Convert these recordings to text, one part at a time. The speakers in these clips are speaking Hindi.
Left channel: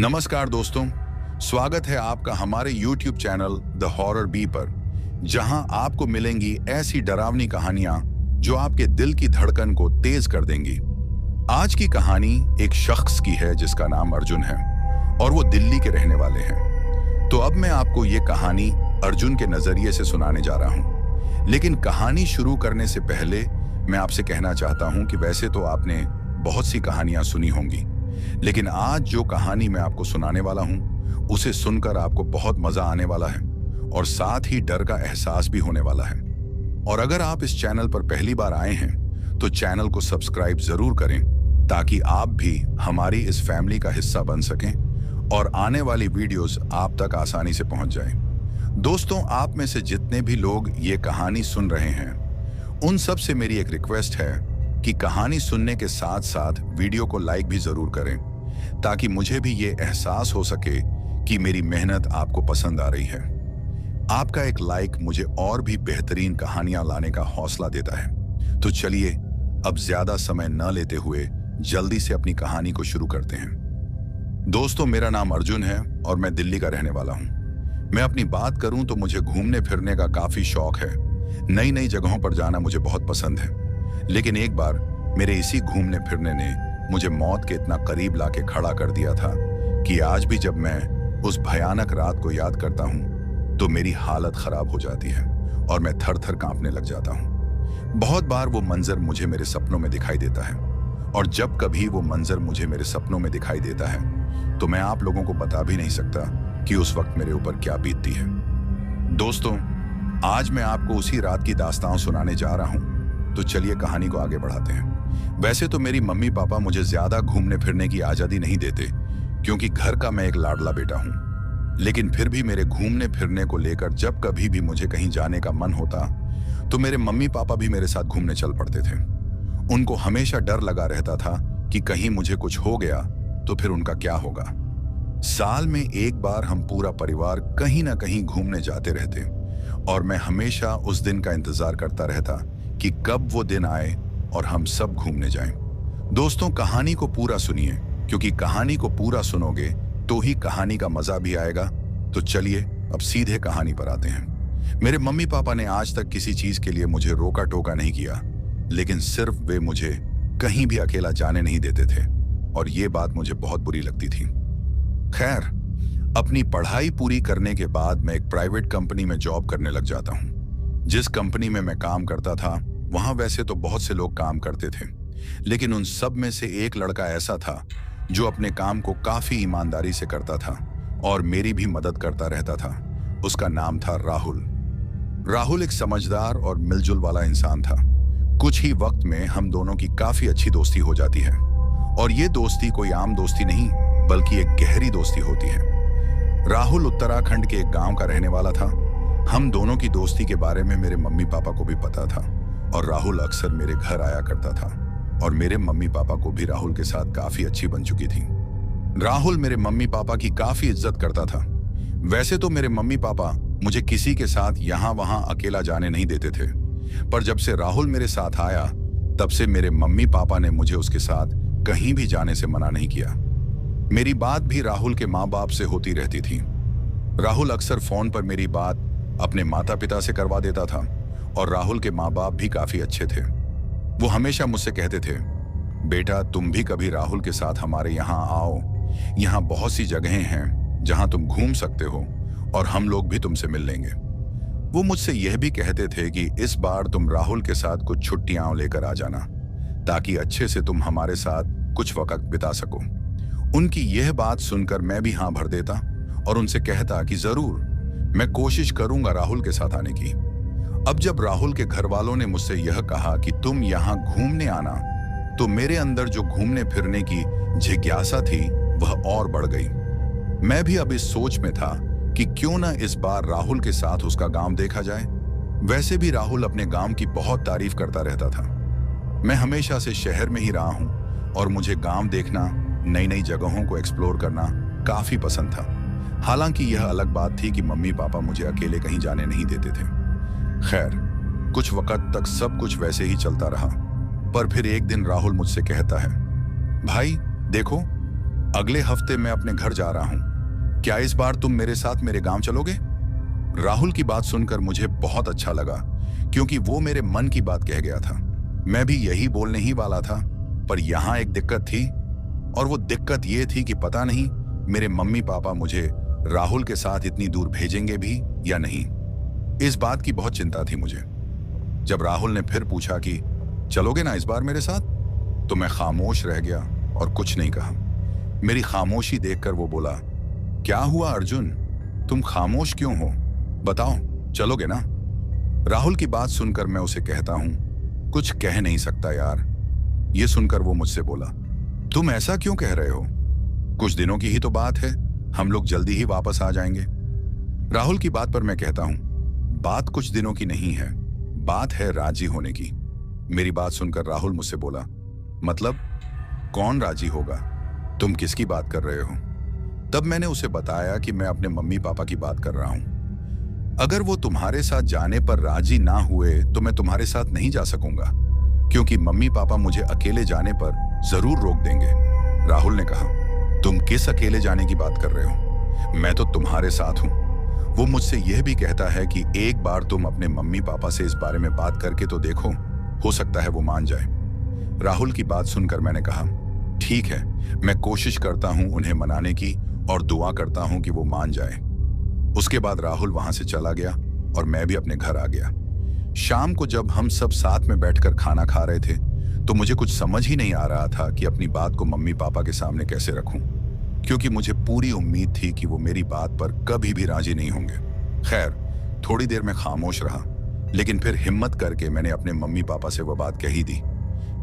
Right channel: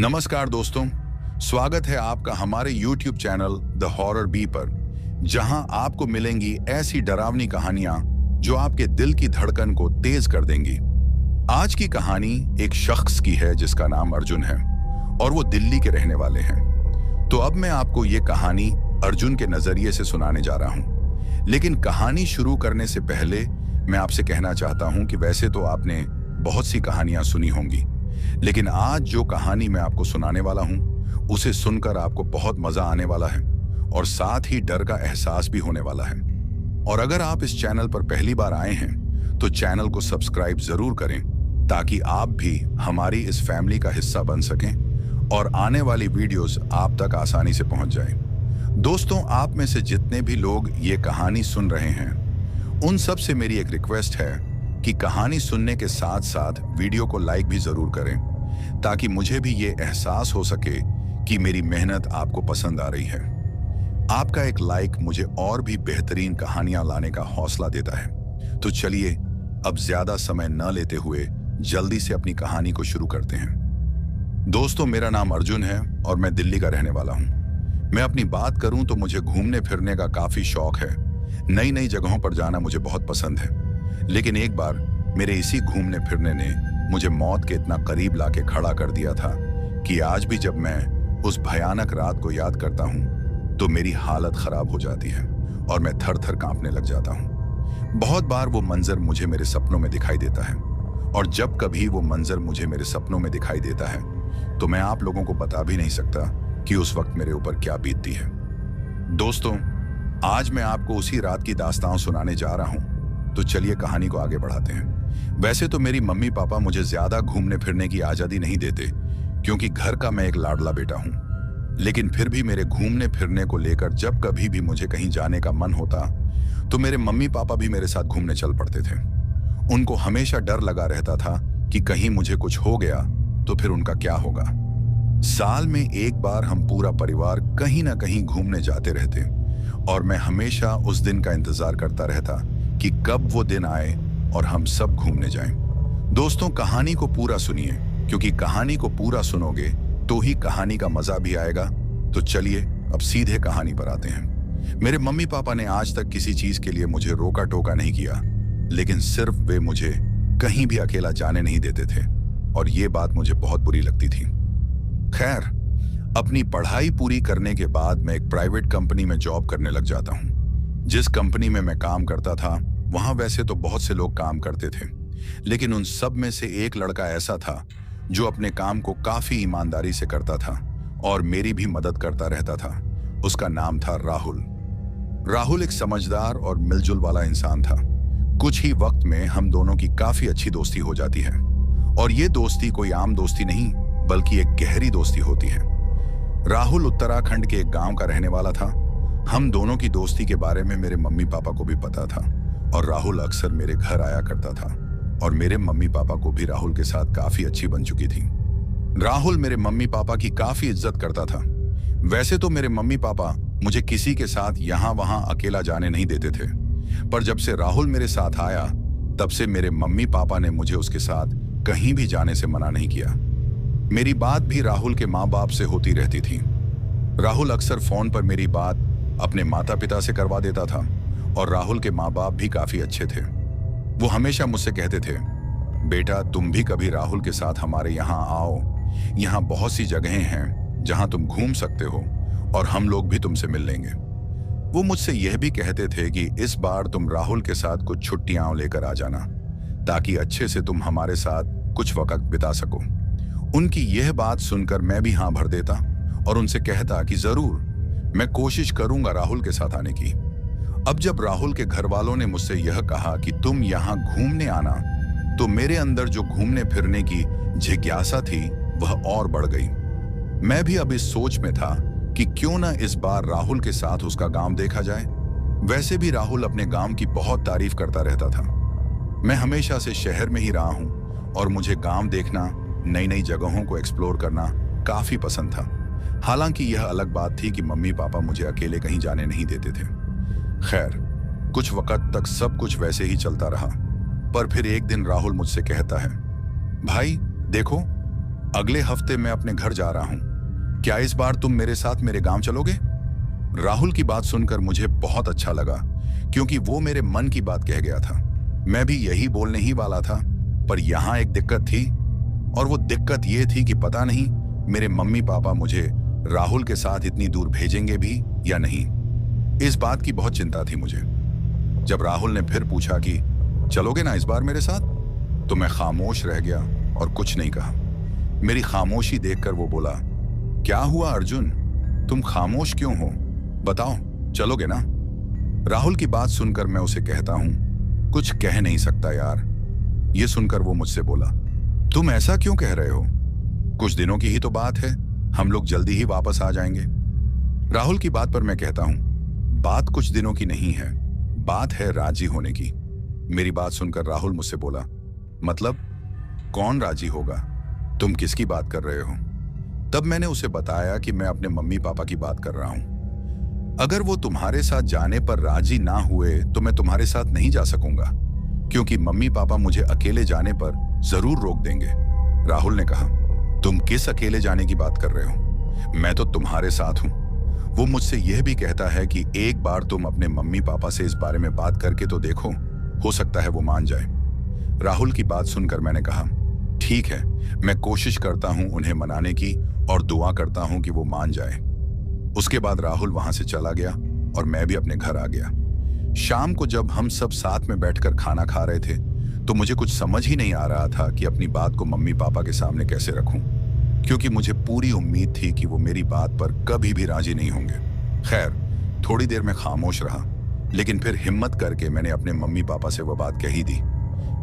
नमस्कार दोस्तों, स्वागत है आपका हमारे YouTube channel the horror B पर, जहां आपको मिलेंगी ऐसी डरावनी कहानियां जो आपके दिल की धड़कन को तेज कर देंगी। आज की कहानी एक शख्स की है जिसका नाम अर्जुन है और वो दिल्ली के रहने वाले हैं। तो अब मैं आपको ये कहानी अर्जुन के नजरिए से सुनाने जा रहा हूँ। लेकिन कहानी शुरू करने से पहले मैं आपसे कहना चाहता हूँ कि वैसे तो आपने बहुत सी कहानियां सुनी होंगी, लेकिन आज जो कहानी मैं आपको सुनाने वाला हूं उसे सुनकर आपको बहुत मजा आने वाला है और साथ ही डर का एहसास भी होने वाला है। और अगर आप इस चैनल पर पहली बार आए हैं तो चैनल को सब्सक्राइब जरूर करें ताकि आप भी हमारी इस फैमिली का हिस्सा बन सकें और आने वाली वीडियोस आप तक आसानी से पहुंच जाएं। दोस्तों, आप में से जितने भी लोग ये कहानी सुन रहे हैं उन सब से मेरी एक रिक्वेस्ट है कि कहानी सुनने के साथ साथ वीडियो को लाइक भी जरूर करें ताकि मुझे भी ये एहसास हो सके कि मेरी मेहनत आपको पसंद आ रही है। आपका एक लाइक मुझे और भी बेहतरीन कहानियां लाने का हौसला देता है। तो चलिए अब ज्यादा समय न लेते हुए जल्दी से अपनी कहानी को शुरू करते हैं। दोस्तों, मेरा नाम अर्जुन है और मैं दिल्ली का रहने वाला हूं। मैं अपनी बात करूं तो मुझे घूमने फिरने का काफी शौक है। नई नई जगहों पर जाना मुझे बहुत पसंद है। लेकिन एक बार मेरे इसी घूमने फिरने ने मुझे मौत के इतना करीब लाके खड़ा कर दिया था कि आज भी जब मैं उस भयानक रात को याद करता हूं तो मेरी हालत खराब हो जाती है और मैं थर थर कांपने लग जाता हूं। बहुत बार वो मंजर मुझे मेरे सपनों में दिखाई देता है और जब कभी वो मंजर मुझे मेरे सपनों में दिखाई देता है तो मैं आप लोगों को बता भी नहीं सकता कि उस वक्त मेरे ऊपर क्या बीतती है। दोस्तों, आज मैं आपको उसी रात की दास्तान सुनाने जा रहा हूं। तो चलिए कहानी को आगे बढ़ाते हैं। वैसे तो मेरी मम्मी पापा मुझे ज्यादा घूमने फिरने की आजादी नहीं देते क्योंकि घर का मैं एक लाडला बेटा हूं। लेकिन फिर भी मेरे घूमने फिरने को लेकर जब कभी भी मुझे कहीं जाने का मन होता तो मेरे मम्मी पापा भी मेरे साथ घूमने चल पड़ते थे। उनको हमेशा डर लगा रहता था कि कहीं मुझे कुछ हो गया तो फिर उनका क्या होगा। साल में एक बार हम पूरा परिवार कहीं ना कहीं घूमने जाते रहते और मैं हमेशा उस दिन का इंतजार करता रहता कि कब वो दिन आए और हम सब घूमने जाएं। दोस्तों, कहानी को पूरा सुनिए क्योंकि कहानी को पूरा सुनोगे तो ही कहानी का मजा भी आएगा। तो चलिए अब सीधे कहानी पर आते हैं। मेरे मम्मी पापा ने आज तक किसी चीज के लिए मुझे रोका टोका नहीं किया, लेकिन सिर्फ वे मुझे कहीं भी अकेला जाने नहीं देते थे और ये बात मुझे बहुत बुरी लगती थी। खैर, अपनी पढ़ाई पूरी करने के बाद मैं एक प्राइवेट कंपनी में जॉब करने लग जाता हूँ। जिस कंपनी में मैं काम करता था वहां वैसे तो बहुत से लोग काम करते थे, लेकिन उन सब में से एक लड़का ऐसा था जो अपने काम को काफी ईमानदारी से करता था और मेरी भी मदद करता रहता था। उसका नाम था राहुल। राहुल एक समझदार और मिलजुल वाला इंसान था। कुछ ही वक्त में हम दोनों की काफी अच्छी दोस्ती हो जाती है और ये दोस्ती कोई आम दोस्ती नहीं बल्कि एक गहरी दोस्ती होती है। राहुल उत्तराखंड के एक गांव का रहने वाला था। हम दोनों की दोस्ती के बारे में मेरे मम्मी पापा को भी पता था और राहुल अक्सर मेरे घर आया करता था और मेरे मम्मी पापा को भी राहुल के साथ काफी अच्छी बन चुकी थी। राहुल मेरे मम्मी पापा की काफी इज्जत करता था। वैसे तो मेरे मम्मी पापा मुझे किसी के साथ यहाँ वहां अकेला जाने नहीं देते थे, पर जब से राहुल मेरे साथ आया तब से मेरे मम्मी पापा ने मुझे उसके साथ कहीं भी जाने से मना नहीं किया। मेरी बात भी राहुल के माँ बाप से होती रहती थी। राहुल अक्सर फोन पर मेरी बात अपने माता पिता से करवा देता था और राहुल के माँ बाप भी काफी अच्छे थे। वो हमेशा मुझसे कहते थे, बेटा तुम भी कभी राहुल के साथ हमारे यहाँ आओ, यहाँ बहुत सी जगहें हैं जहाँ तुम घूम सकते हो और हम लोग भी तुमसे मिल लेंगे। वो मुझसे यह भी कहते थे कि इस बार तुम राहुल के साथ कुछ छुट्टियां लेकर आ जाना ताकि अच्छे से तुम हमारे साथ कुछ वक्त बिता सको। उनकी यह बात सुनकर मैं भी हाँ भर देता और उनसे कहता कि जरूर मैं कोशिश करूंगा राहुल के साथ आने की। अब जब राहुल के घर वालों ने मुझसे यह कहा कि तुम यहाँ घूमने आना तो मेरे अंदर जो घूमने फिरने की जिज्ञासा थी वह और बढ़ गई। मैं भी अब इस सोच में था कि क्यों ना इस बार राहुल के साथ उसका गांव देखा जाए। वैसे भी राहुल अपने गांव की बहुत तारीफ करता रहता था। मैं हमेशा से शहर में ही रहा हूँ और मुझे गांव देखना, नई नई जगहों को एक्सप्लोर करना काफी पसंद था। हालांकि यह अलग बात थी कि मम्मी पापा मुझे अकेले कहीं जाने नहीं देते थे। खैर, कुछ वक्त तक सब कुछ वैसे ही चलता रहा, पर फिर एक दिन राहुल मुझसे कहता है, भाई देखो अगले हफ्ते मैं अपने घर जा रहा हूं, क्या इस बार तुम मेरे साथ मेरे गांव चलोगे? राहुल की बात सुनकर मुझे बहुत अच्छा लगा, क्योंकि वो मेरे मन की बात कह गया था। मैं भी यही बोलने ही वाला था, पर यहां एक दिक्कत थी, और वो दिक्कत ये थी कि पता नहीं मेरे मम्मी पापा मुझे राहुल के साथ इतनी दूर भेजेंगे भी या नहीं। इस बात की बहुत चिंता थी मुझे। जब राहुल ने फिर पूछा कि चलोगे ना इस बार मेरे साथ, तो मैं खामोश रह गया और कुछ नहीं कहा। मेरी खामोशी देखकर वो बोला, क्या हुआ अर्जुन, तुम खामोश क्यों हो? बताओ, चलोगे ना? राहुल की बात सुनकर मैं उसे कहता हूं, कुछ कह नहीं सकता यार। ये सुनकर वो मुझसे बोला, तुम ऐसा क्यों कह रहे हो? कुछ दिनों की ही तो बात है, हम लोग जल्दी ही वापस आ जाएंगे। राहुल की बात पर मैं कहता हूं, बात कुछ दिनों की नहीं है, बात है राजी होने की। मेरी बात सुनकर राहुल मुझसे बोला, मतलब कौन राजी होगा? तुम किसकी बात कर रहे हो? तब मैंने उसे बताया कि मैं अपने मम्मी पापा की बात कर रहा हूं। अगर वो तुम्हारे साथ जाने पर राजी ना हुए तो मैं तुम्हारे साथ नहीं जा सकूंगा, क्योंकि मम्मी पापा मुझे अकेले जाने पर जरूर रोक देंगे। राहुल ने कहा, तुम किस अकेले जाने की बात कर रहे हो? मैं तो तुम्हारे साथ हूं। वो मुझसे यह भी कहता है कि एक बार तुम अपने मम्मी पापा से इस बारे में बात करके तो देखो, हो सकता है वो मान जाए। राहुल की बात सुनकर मैंने कहा, ठीक है, मैं कोशिश करता हूं उन्हें मनाने की और दुआ करता हूं कि वो मान जाए। उसके बाद राहुल वहां से चला गया और मैं भी अपने घर आ गया। शाम को जब हम सब साथ में बैठकर खाना खा रहे थे, तो मुझे कुछ समझ ही नहीं आ रहा था कि अपनी बात को मम्मी पापा के सामने कैसे रखूं, क्योंकि मुझे पूरी उम्मीद थी कि वो मेरी बात पर कभी भी राजी नहीं होंगे। खैर, थोड़ी देर में खामोश रहा, लेकिन फिर हिम्मत करके मैंने अपने मम्मी पापा से वह बात कही दी।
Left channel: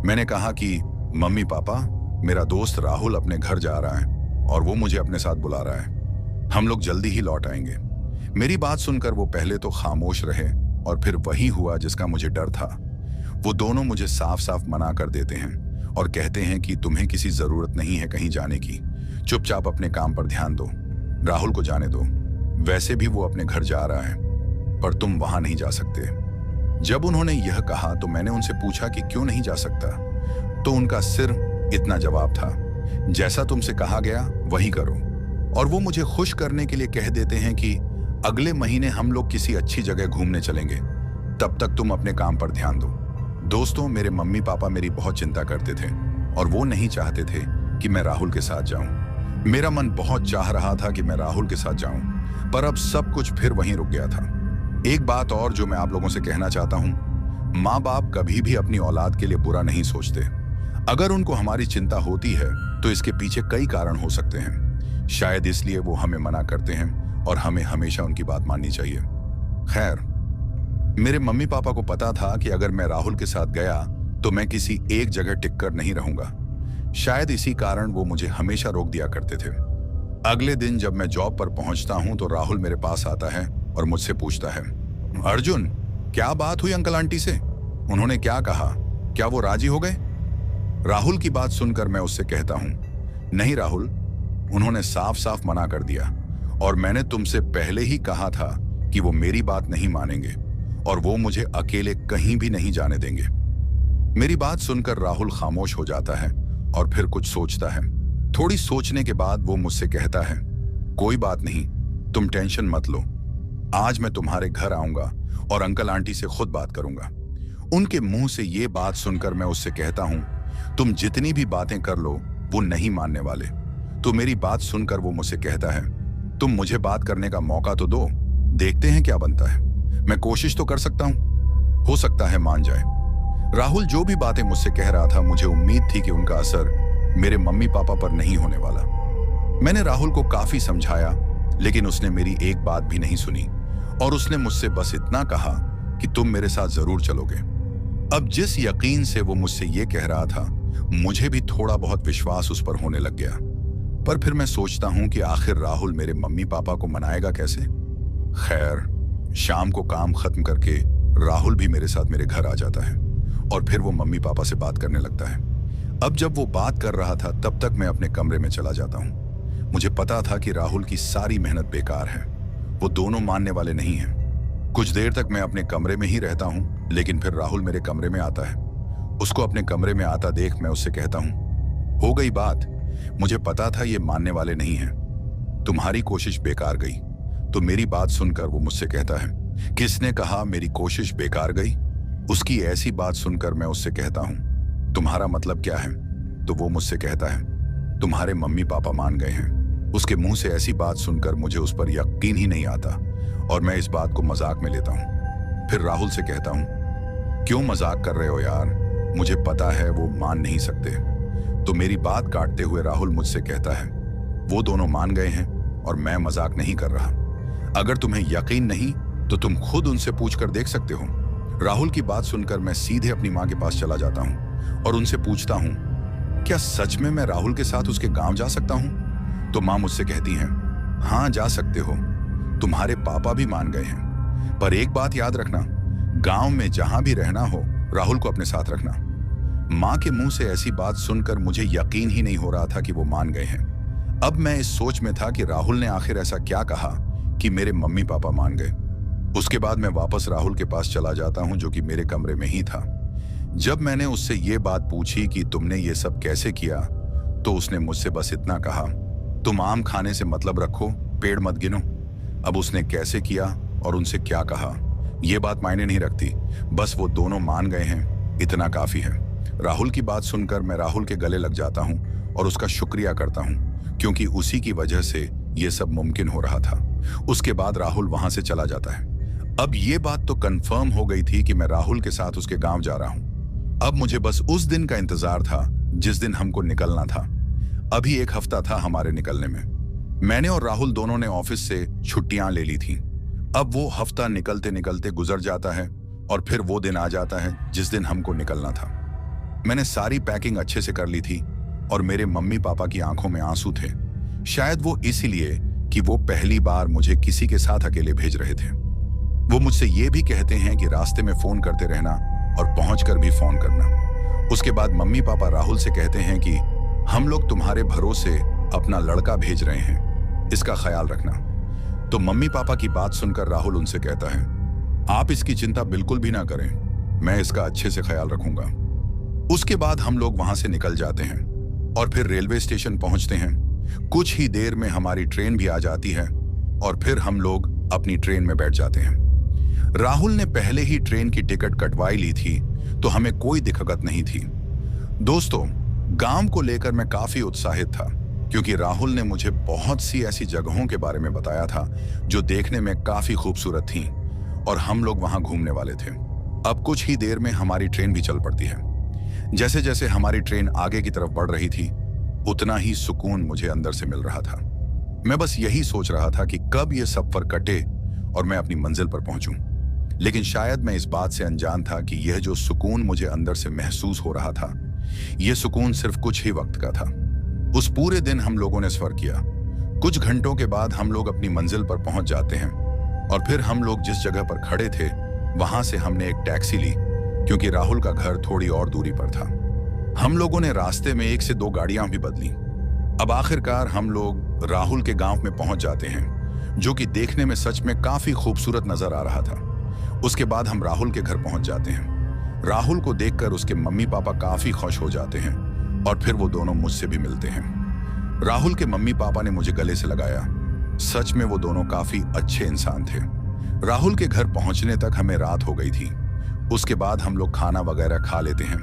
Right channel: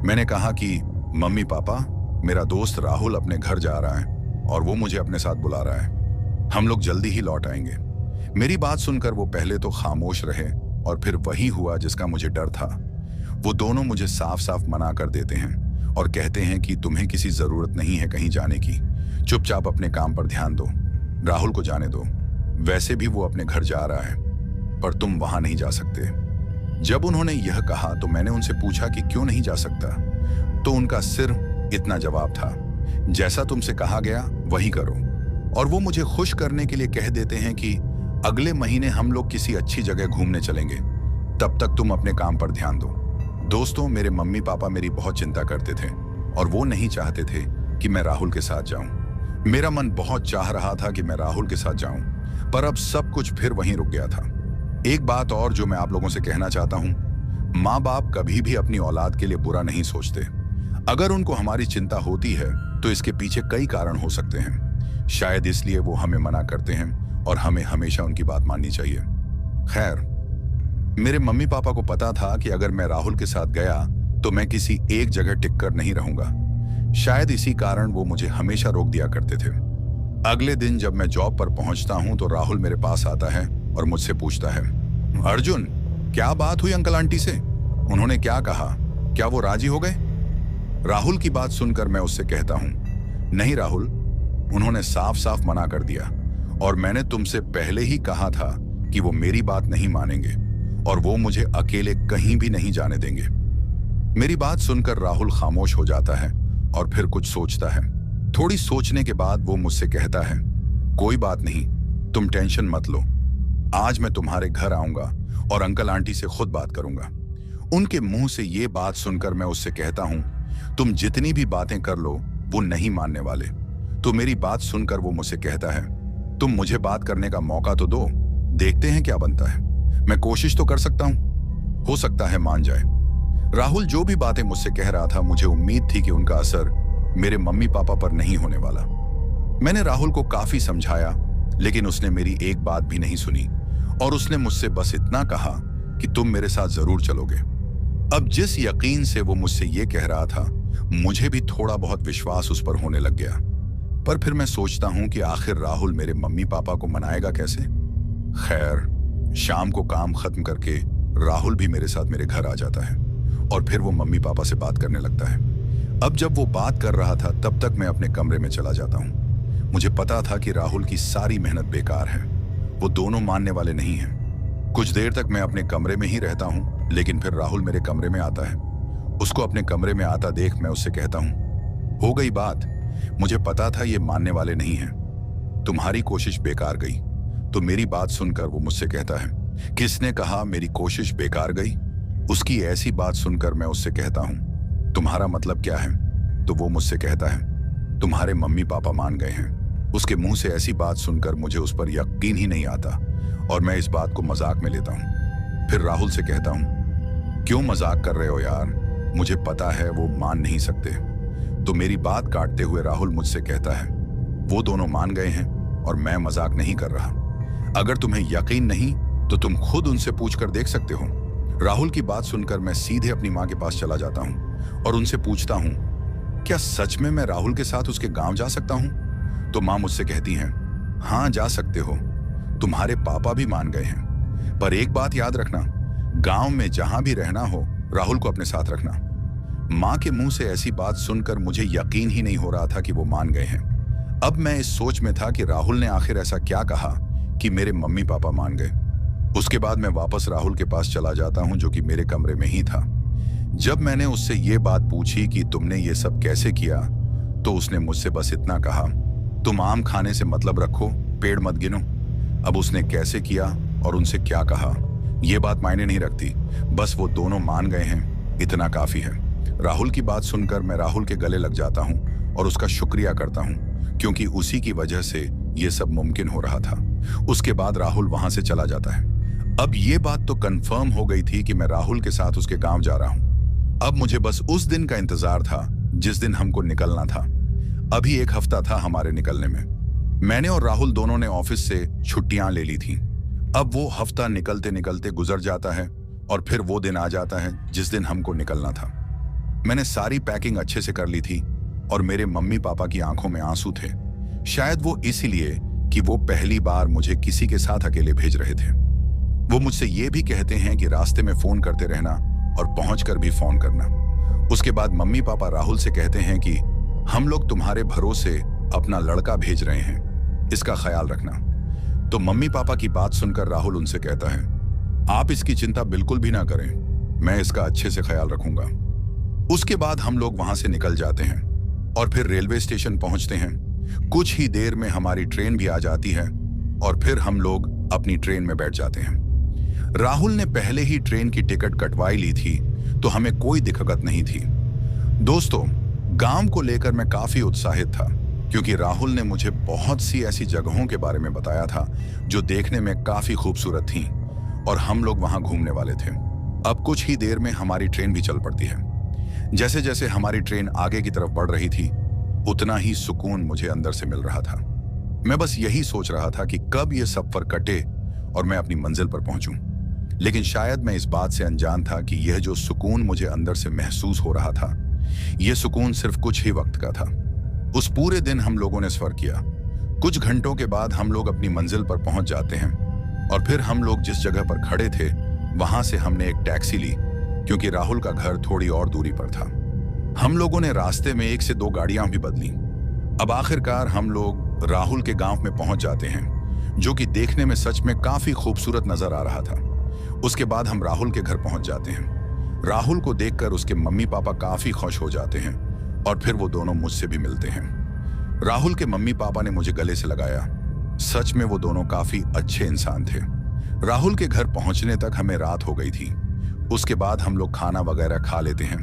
मैंने कहा कि मम्मी पापा, मेरा दोस्त राहुल अपने घर जा रहा है और वो मुझे अपने साथ बुला रहा है। हम लोग जल्दी ही लौट आएंगे। मेरी बात सुनकर वो पहले तो खामोश रहे और फिर वही हुआ जिसका मुझे डर था। वो दोनों मुझे साफ साफ मना कर देते हैं और कहते हैं कि तुम्हें किसी जरूरत नहीं है कहीं जाने की, चुपचाप अपने काम पर ध्यान दो, राहुल को जाने दो, वैसे भी वो अपने घर जा रहा है, पर तुम वहां नहीं जा सकते। जब उन्होंने यह कहा तो मैंने उनसे पूछा कि क्यों नहीं जा सकता, तो उनका सिर्फ इतना जवाब था, जैसा तुमसे कहा गया वही करो। और वो मुझे खुश करने के लिए कह देते हैं कि अगले महीने हम लोग किसी अच्छी जगह घूमने चलेंगे, तब तक तुम अपने काम पर ध्यान दो। दोस्तों, मेरे मम्मी पापा मेरी बहुत चिंता करते थे और वो नहीं चाहते थे कि मैं राहुल के साथ जाऊं। मेरा मन बहुत चाह रहा था कि मैं राहुल के साथ जाऊं, पर अब सब कुछ फिर वहीं रुक गया था। एक बात और जो मैं आप लोगों से कहना चाहता हूं, माँ बाप कभी भी अपनी औलाद के लिए बुरा नहीं सोचते। अगर उनको हमारी चिंता होती है तो इसके पीछे कई कारण हो सकते हैं। शायद इसलिए वो हमें मना करते हैं और हमें हमेशा उनकी बात माननी चाहिए। खैर, मेरे मम्मी पापा को पता था कि अगर मैं राहुल के साथ गया तो मैं किसी एक जगह टिककर नहीं रहूंगा। शायद इसी कारण वो मुझे हमेशा रोक दिया करते थे। अगले दिन जब मैं जॉब पर पहुंचता हूं तो राहुल मेरे पास आता है और मुझसे पूछता है, अर्जुन, क्या बात हुई अंकल आंटी से? उन्होंने क्या कहा? क्या वो राजी हो गए? राहुल की बात सुनकर मैं उससे कहता हूं, नहीं राहुल, उन्होंने साफ साफ मना कर दिया और मैंने तुमसे पहले ही कहा था कि वो मेरी बात नहीं मानेंगे और वो मुझे अकेले कहीं भी नहीं जाने देंगे। मेरी बात सुनकर राहुल खामोश हो जाता है और फिर कुछ सोचता है। थोड़ी सोचने के बाद वो मुझसे कहता है, कोई बात नहीं, तुम टेंशन मत लो, आज मैं तुम्हारे घर आऊंगा और अंकल आंटी से खुद बात करूंगा। उनके मुंह से ये बात सुनकर मैं उससे कहता हूं, तुम जितनी भी बातें कर लो वो नहीं मानने वाले। तो मेरी बात सुनकर वो मुझसे कहता है, तुम मुझे बात करने का मौका तो दो, देखते हैं क्या बनता है। मैं कोशिश तो कर सकता हूं, हो सकता है मान जाए। राहुल जो भी बातें मुझसे कह रहा था, मुझे उम्मीद थी कि उनका असर मेरे मम्मी पापा पर नहीं होने वाला। मैंने राहुल को काफी समझाया, लेकिन उसने मेरी एक बात भी नहीं सुनी और उसने मुझसे बस इतना कहा कि तुम मेरे साथ जरूर चलोगे। अब जिस यकीन से वो मुझसे ये कह रहा था, मुझे भी थोड़ा बहुत विश्वास उस पर होने लग गया। पर फिर मैं सोचता हूं कि आखिर राहुल मेरे मम्मी पापा को मनाएगा कैसे। खैर, शाम को काम खत्म करके राहुल भी मेरे साथ मेरे घर आ जाता है और फिर वो मम्मी पापा से बात करने लगता है। अब जब वो बात कर रहा था तब तक मैं अपने कमरे में चला जाता हूं। मुझे पता था कि राहुल की सारी मेहनत बेकार है, वो दोनों मानने वाले नहीं हैं। कुछ देर तक मैं अपने कमरे में ही रहता हूं, लेकिन फिर राहुल मेरे कमरे में आता है। उसको अपने कमरे में आता देख मैं उससे कहता हूं, हो गई बात, मुझे पता था ये मानने वाले नहीं हैं। तुम्हारी कोशिश बेकार गई। तो मेरी बात सुनकर वो मुझसे कहता है, किसने कहा मेरी कोशिश बेकार गई? उसकी ऐसी बात सुनकर मैं उससे कहता हूं, तुम्हारा मतलब क्या है? तो वो मुझसे कहता है, तुम्हारे मम्मी पापा मान गए हैं। उसके मुंह से ऐसी बात सुनकर मुझे उस पर यकीन ही नहीं आता और मैं इस बात को मजाक में लेता हूं। फिर राहुल से कहता हूं, क्यों मजाक कर रहे हो यार? मुझे पता है वो मान नहीं सकते। तो मेरी बात काटते हुए राहुल मुझसे कहता है, वो दोनों मान गए हैं और मैं मजाक नहीं कर रहा। अगर तुम्हें यकीन नहीं तो तुम खुद उनसे पूछकर देख सकते हो। राहुल की बात सुनकर मैं सीधे अपनी माँ के पास चला जाता हूँ और उनसे पूछता हूँ, क्या सच में मैं राहुल के साथ उसके गांव जा सकता हूँ? तो माँ मुझसे कहती हैं, हाँ जा सकते हो, तुम्हारे पापा भी मान गए हैं। पर एक बात याद रखना, गांव में जहां भी रहना हो राहुल को अपने साथ रखना। माँ के मुंह से ऐसी बात सुनकर मुझे यकीन ही नहीं हो रहा था कि वो मान गए हैं। अब मैं इस सोच में था कि राहुल ने आखिर ऐसा क्या कहा कि मेरे मम्मी पापा मान गए। उसके बाद मैं वापस राहुल के पास चला जाता हूं, जो कि मेरे कमरे में ही था। जब मैंने उससे ये बात पूछी कि तुमने ये सब कैसे किया, तो उसने मुझसे बस इतना कहा, तुम आम खाने से मतलब रखो, पेड़ मत गिनो। अब उसने कैसे किया और उनसे क्या कहा ये बात मायने नहीं रखती, बस वो दोनों मान गए हैं, इतना काफी है। राहुल की बात सुनकर मैं राहुल के गले लग जाता हूं और उसका शुक्रिया करता हूं, क्योंकि उसी की वजह से ये सब मुमकिन हो रहा था। उसके बाद राहुल वहां से चला जाता है। अब ये बात तो कंफर्म हो गई थी कि मैं राहुल के साथ उसके गांव जा रहा हूं। अब मुझे बस उस दिन का इंतजार था जिस दिन हमको निकलना था। अभी एक हफ्ता था हमारे निकलने में। मैंने और राहुल दोनों ने ऑफिस से छुट्टियां ले ली थी। अब वो हफ्ता निकलते निकलते गुजर जाता है और फिर वो दिन आ जाता है जिस दिन हमको निकलना था। मैंने सारी पैकिंग अच्छे से कर ली थी और मेरे मम्मी पापा की आंखों में आंसू थे। शायद वो इसीलिए कि वो पहली बार मुझे किसी के साथ अकेले भेज रहे थे। वो मुझसे ये भी कहते हैं कि रास्ते में फोन करते रहना और पहुंचकर भी फोन करना। उसके बाद मम्मी पापा राहुल से कहते हैं कि हम लोग तुम्हारे भरोसे अपना लड़का भेज रहे हैं, इसका ख्याल रखना। तो मम्मी पापा की बात सुनकर राहुल उनसे कहता है, आप इसकी चिंता बिल्कुल भी ना करें, मैं इसका अच्छे से ख्याल रखूंगा। उसके बाद हम लोग वहां से निकल जाते हैं और फिर रेलवे स्टेशन पहुंचते हैं। कुछ ही देर में हमारी ट्रेन भी आ जाती है और फिर हम लोग अपनी ट्रेन में बैठ जाते हैं। राहुल ने पहले ही ट्रेन की टिकट कटवाई ली थी, तो हमें कोई दिक्कत नहीं थी। दोस्तों, गांव को लेकर मैं काफी उत्साहित था, क्योंकि राहुल ने मुझे बहुत सी ऐसी जगहों के बारे में बताया था जो देखने में काफी खूबसूरत थीं और हम लोग वहां घूमने वाले थे। अब कुछ ही देर में हमारी ट्रेन भी चल पड़ती है। जैसे जैसे हमारी ट्रेन आगे की तरफ बढ़ रही थी, उतना ही सुकून मुझे अंदर से मिल रहा था। मैं बस यही सोच रहा था कि कब ये सफर कटे और मैं अपनी मंजिल पर पहुंचूं। लेकिन शायद मैं इस बात से अनजान था कि यह जो सुकून मुझे अंदर से महसूस हो रहा था, यह सुकून सिर्फ कुछ ही वक्त का था। उस पूरे दिन हम लोगों ने सफर किया। कुछ घंटों के बाद हम लोग अपनी मंजिल पर पहुंच जाते हैं और फिर हम लोग जिस जगह पर खड़े थे वहां से हमने एक टैक्सी ली, क्योंकि राहुल का घर थोड़ी और दूरी पर था। हम लोगों ने रास्ते में 1 से 2 गाड़ियां भी बदली। अब आखिरकार हम लोग राहुल के गांव में पहुंच जाते हैं, जो कि देखने में सच में काफी खूबसूरत नजर आ रहा था। उसके बाद हम राहुल के घर पहुंच जाते हैं। राहुल को देखकर उसके मम्मी पापा काफी खुश हो जाते हैं और फिर वो दोनों मुझसे भी मिलते हैं। राहुल के मम्मी पापा ने मुझे गले से लगाया। सच में वो दोनों काफी अच्छे इंसान थे। राहुल के घर पहुंचने तक हमें रात हो गई थी। उसके बाद हम लोग खाना वगैरह खा लेते हैं।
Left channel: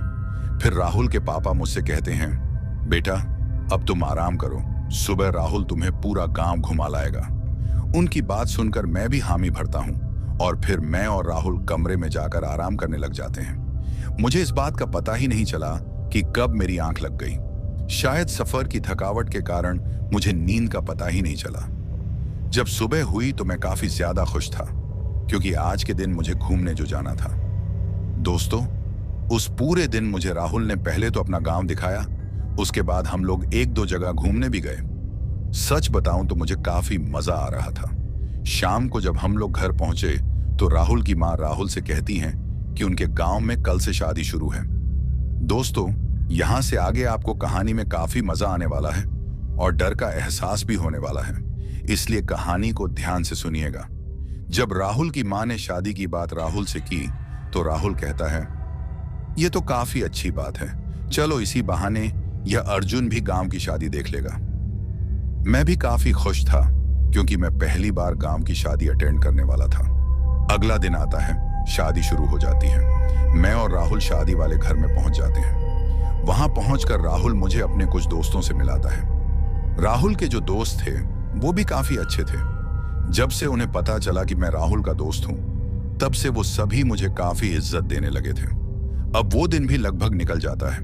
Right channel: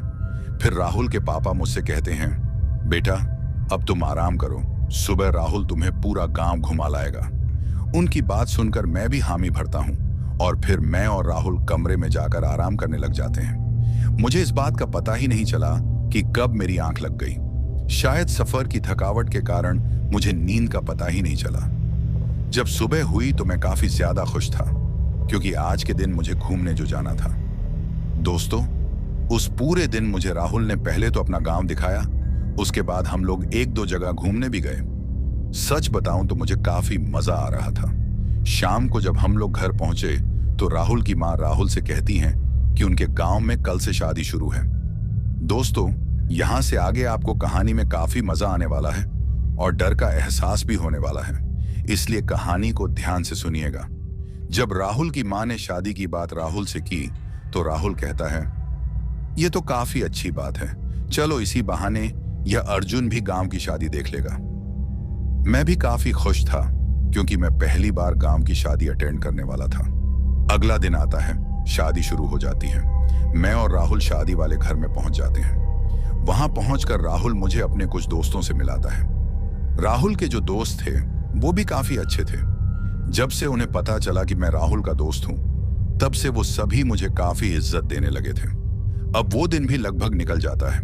फिर राहुल के पापा मुझसे कहते हैं, बेटा अब तुम आराम करो, सुबह राहुल तुम्हें पूरा गांव घुमा लाएगा। उनकी बात सुनकर मैं भी हामी भरता हूं और फिर मैं और राहुल कमरे में जाकर आराम करने लग जाते हैं। मुझे इस बात का पता ही नहीं चला कि कब मेरी आंख लग गई। शायद सफर की थकावट के कारण मुझे नींद का पता ही नहीं चला। जब सुबह हुई तो मैं काफी ज्यादा खुश था, क्योंकि आज के दिन मुझे घूमने जो जाना था। दोस्तों, उस पूरे दिन मुझे राहुल ने पहले तो अपना गांव दिखाया, उसके बाद हम लोग 1-2 जगह घूमने भी गए। सच बताऊं तो मुझे काफी मजा आ रहा था। शाम को जब हम लोग घर पहुंचे तो राहुल की मां राहुल से कहती हैं कि उनके गांव में कल से शादी शुरू है। दोस्तों, यहां से आगे आपको कहानी में काफी मजा आने वाला है और डर का एहसास भी होने वाला है, इसलिए कहानी को ध्यान से सुनिएगा। जब राहुल की मां ने शादी की बात राहुल से की तो राहुल कहता है, ये तो काफी अच्छी बात है, चलो इसी बहाने यह अर्जुन भी गांव की शादी देख लेगा। मैं भी काफी खुश था क्योंकि मैं पहली बार गांव की शादी अटेंड करने वाला था। अगला दिन आता है, शादी शुरू हो जाती है। मैं और राहुल शादी वाले घर में पहुंच जाते हैं। वहां पहुंचकर राहुल मुझे अपने कुछ दोस्तों से मिलाता है। राहुल के जो दोस्त थे वो भी काफी अच्छे थे। जब से उन्हें पता चला कि मैं राहुल का दोस्त हूं, तब से वो सभी मुझे काफी इज्जत देने लगे थे। अब वो दिन भी लगभग निकल जाता है।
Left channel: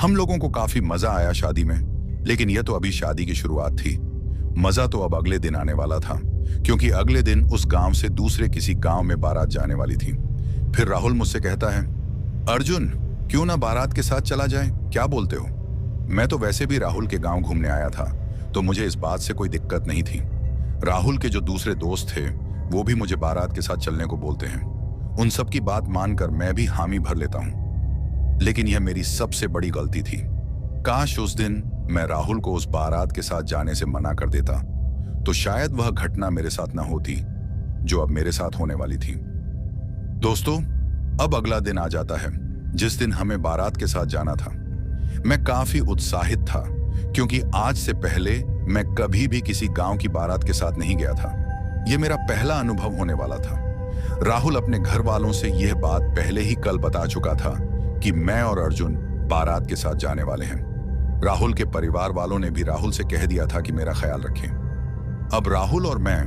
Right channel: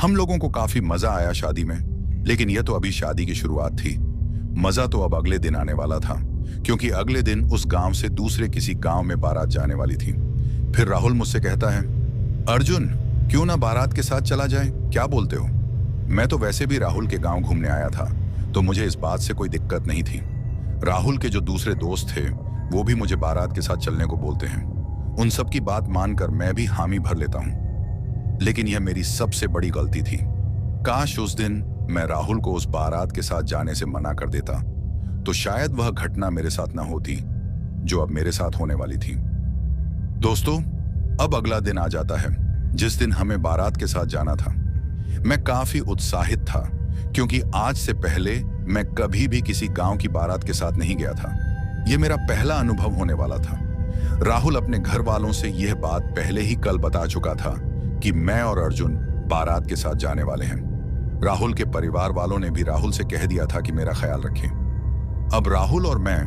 हम लोगों को काफी मजा आया शादी में, लेकिन यह तो अभी शादी की शुरुआत थी। मजा तो अब अगले दिन आने वाला था, क्योंकि अगले दिन उस गांव से दूसरे किसी गांव में बारात जाने वाली थी। फिर राहुल मुझसे कहता है, अर्जुन क्यों ना बारात के साथ चला जाए, क्या बोलते हो? मैं तो वैसे भी राहुल के गांव घूमने आया था, तो मुझे इस बात से कोई दिक्कत नहीं थी। राहुल के जो दूसरे दोस्त थे वो भी मुझे बारात के साथ चलने को बोलते हैं। उन सब की बात मानकर मैं भी हामी भर लेता हूं। लेकिन यह मेरी सबसे बड़ी गलती थी। काश उस दिन मैं राहुल को उस बारात के साथ जाने से मना कर देता, तो शायद वह घटना मेरे साथ ना होती जो अब मेरे साथ होने वाली थी। दोस्तों, अब अगला दिन आ जाता है जिस दिन हमें बारात के साथ जाना था। मैं काफी उत्साहित था क्योंकि आज से पहले मैं कभी भी किसी गांव की बारात के साथ नहीं गया था। यह मेरा पहला अनुभव होने वाला था। राहुल अपने घर वालों से यह बात पहले ही कल बता चुका था कि मैं और अर्जुन बारात के साथ जाने वाले हैं। राहुल के परिवार वालों ने भी राहुल से कह दिया था कि मेरा ख्याल रखें। अब राहुल और मैं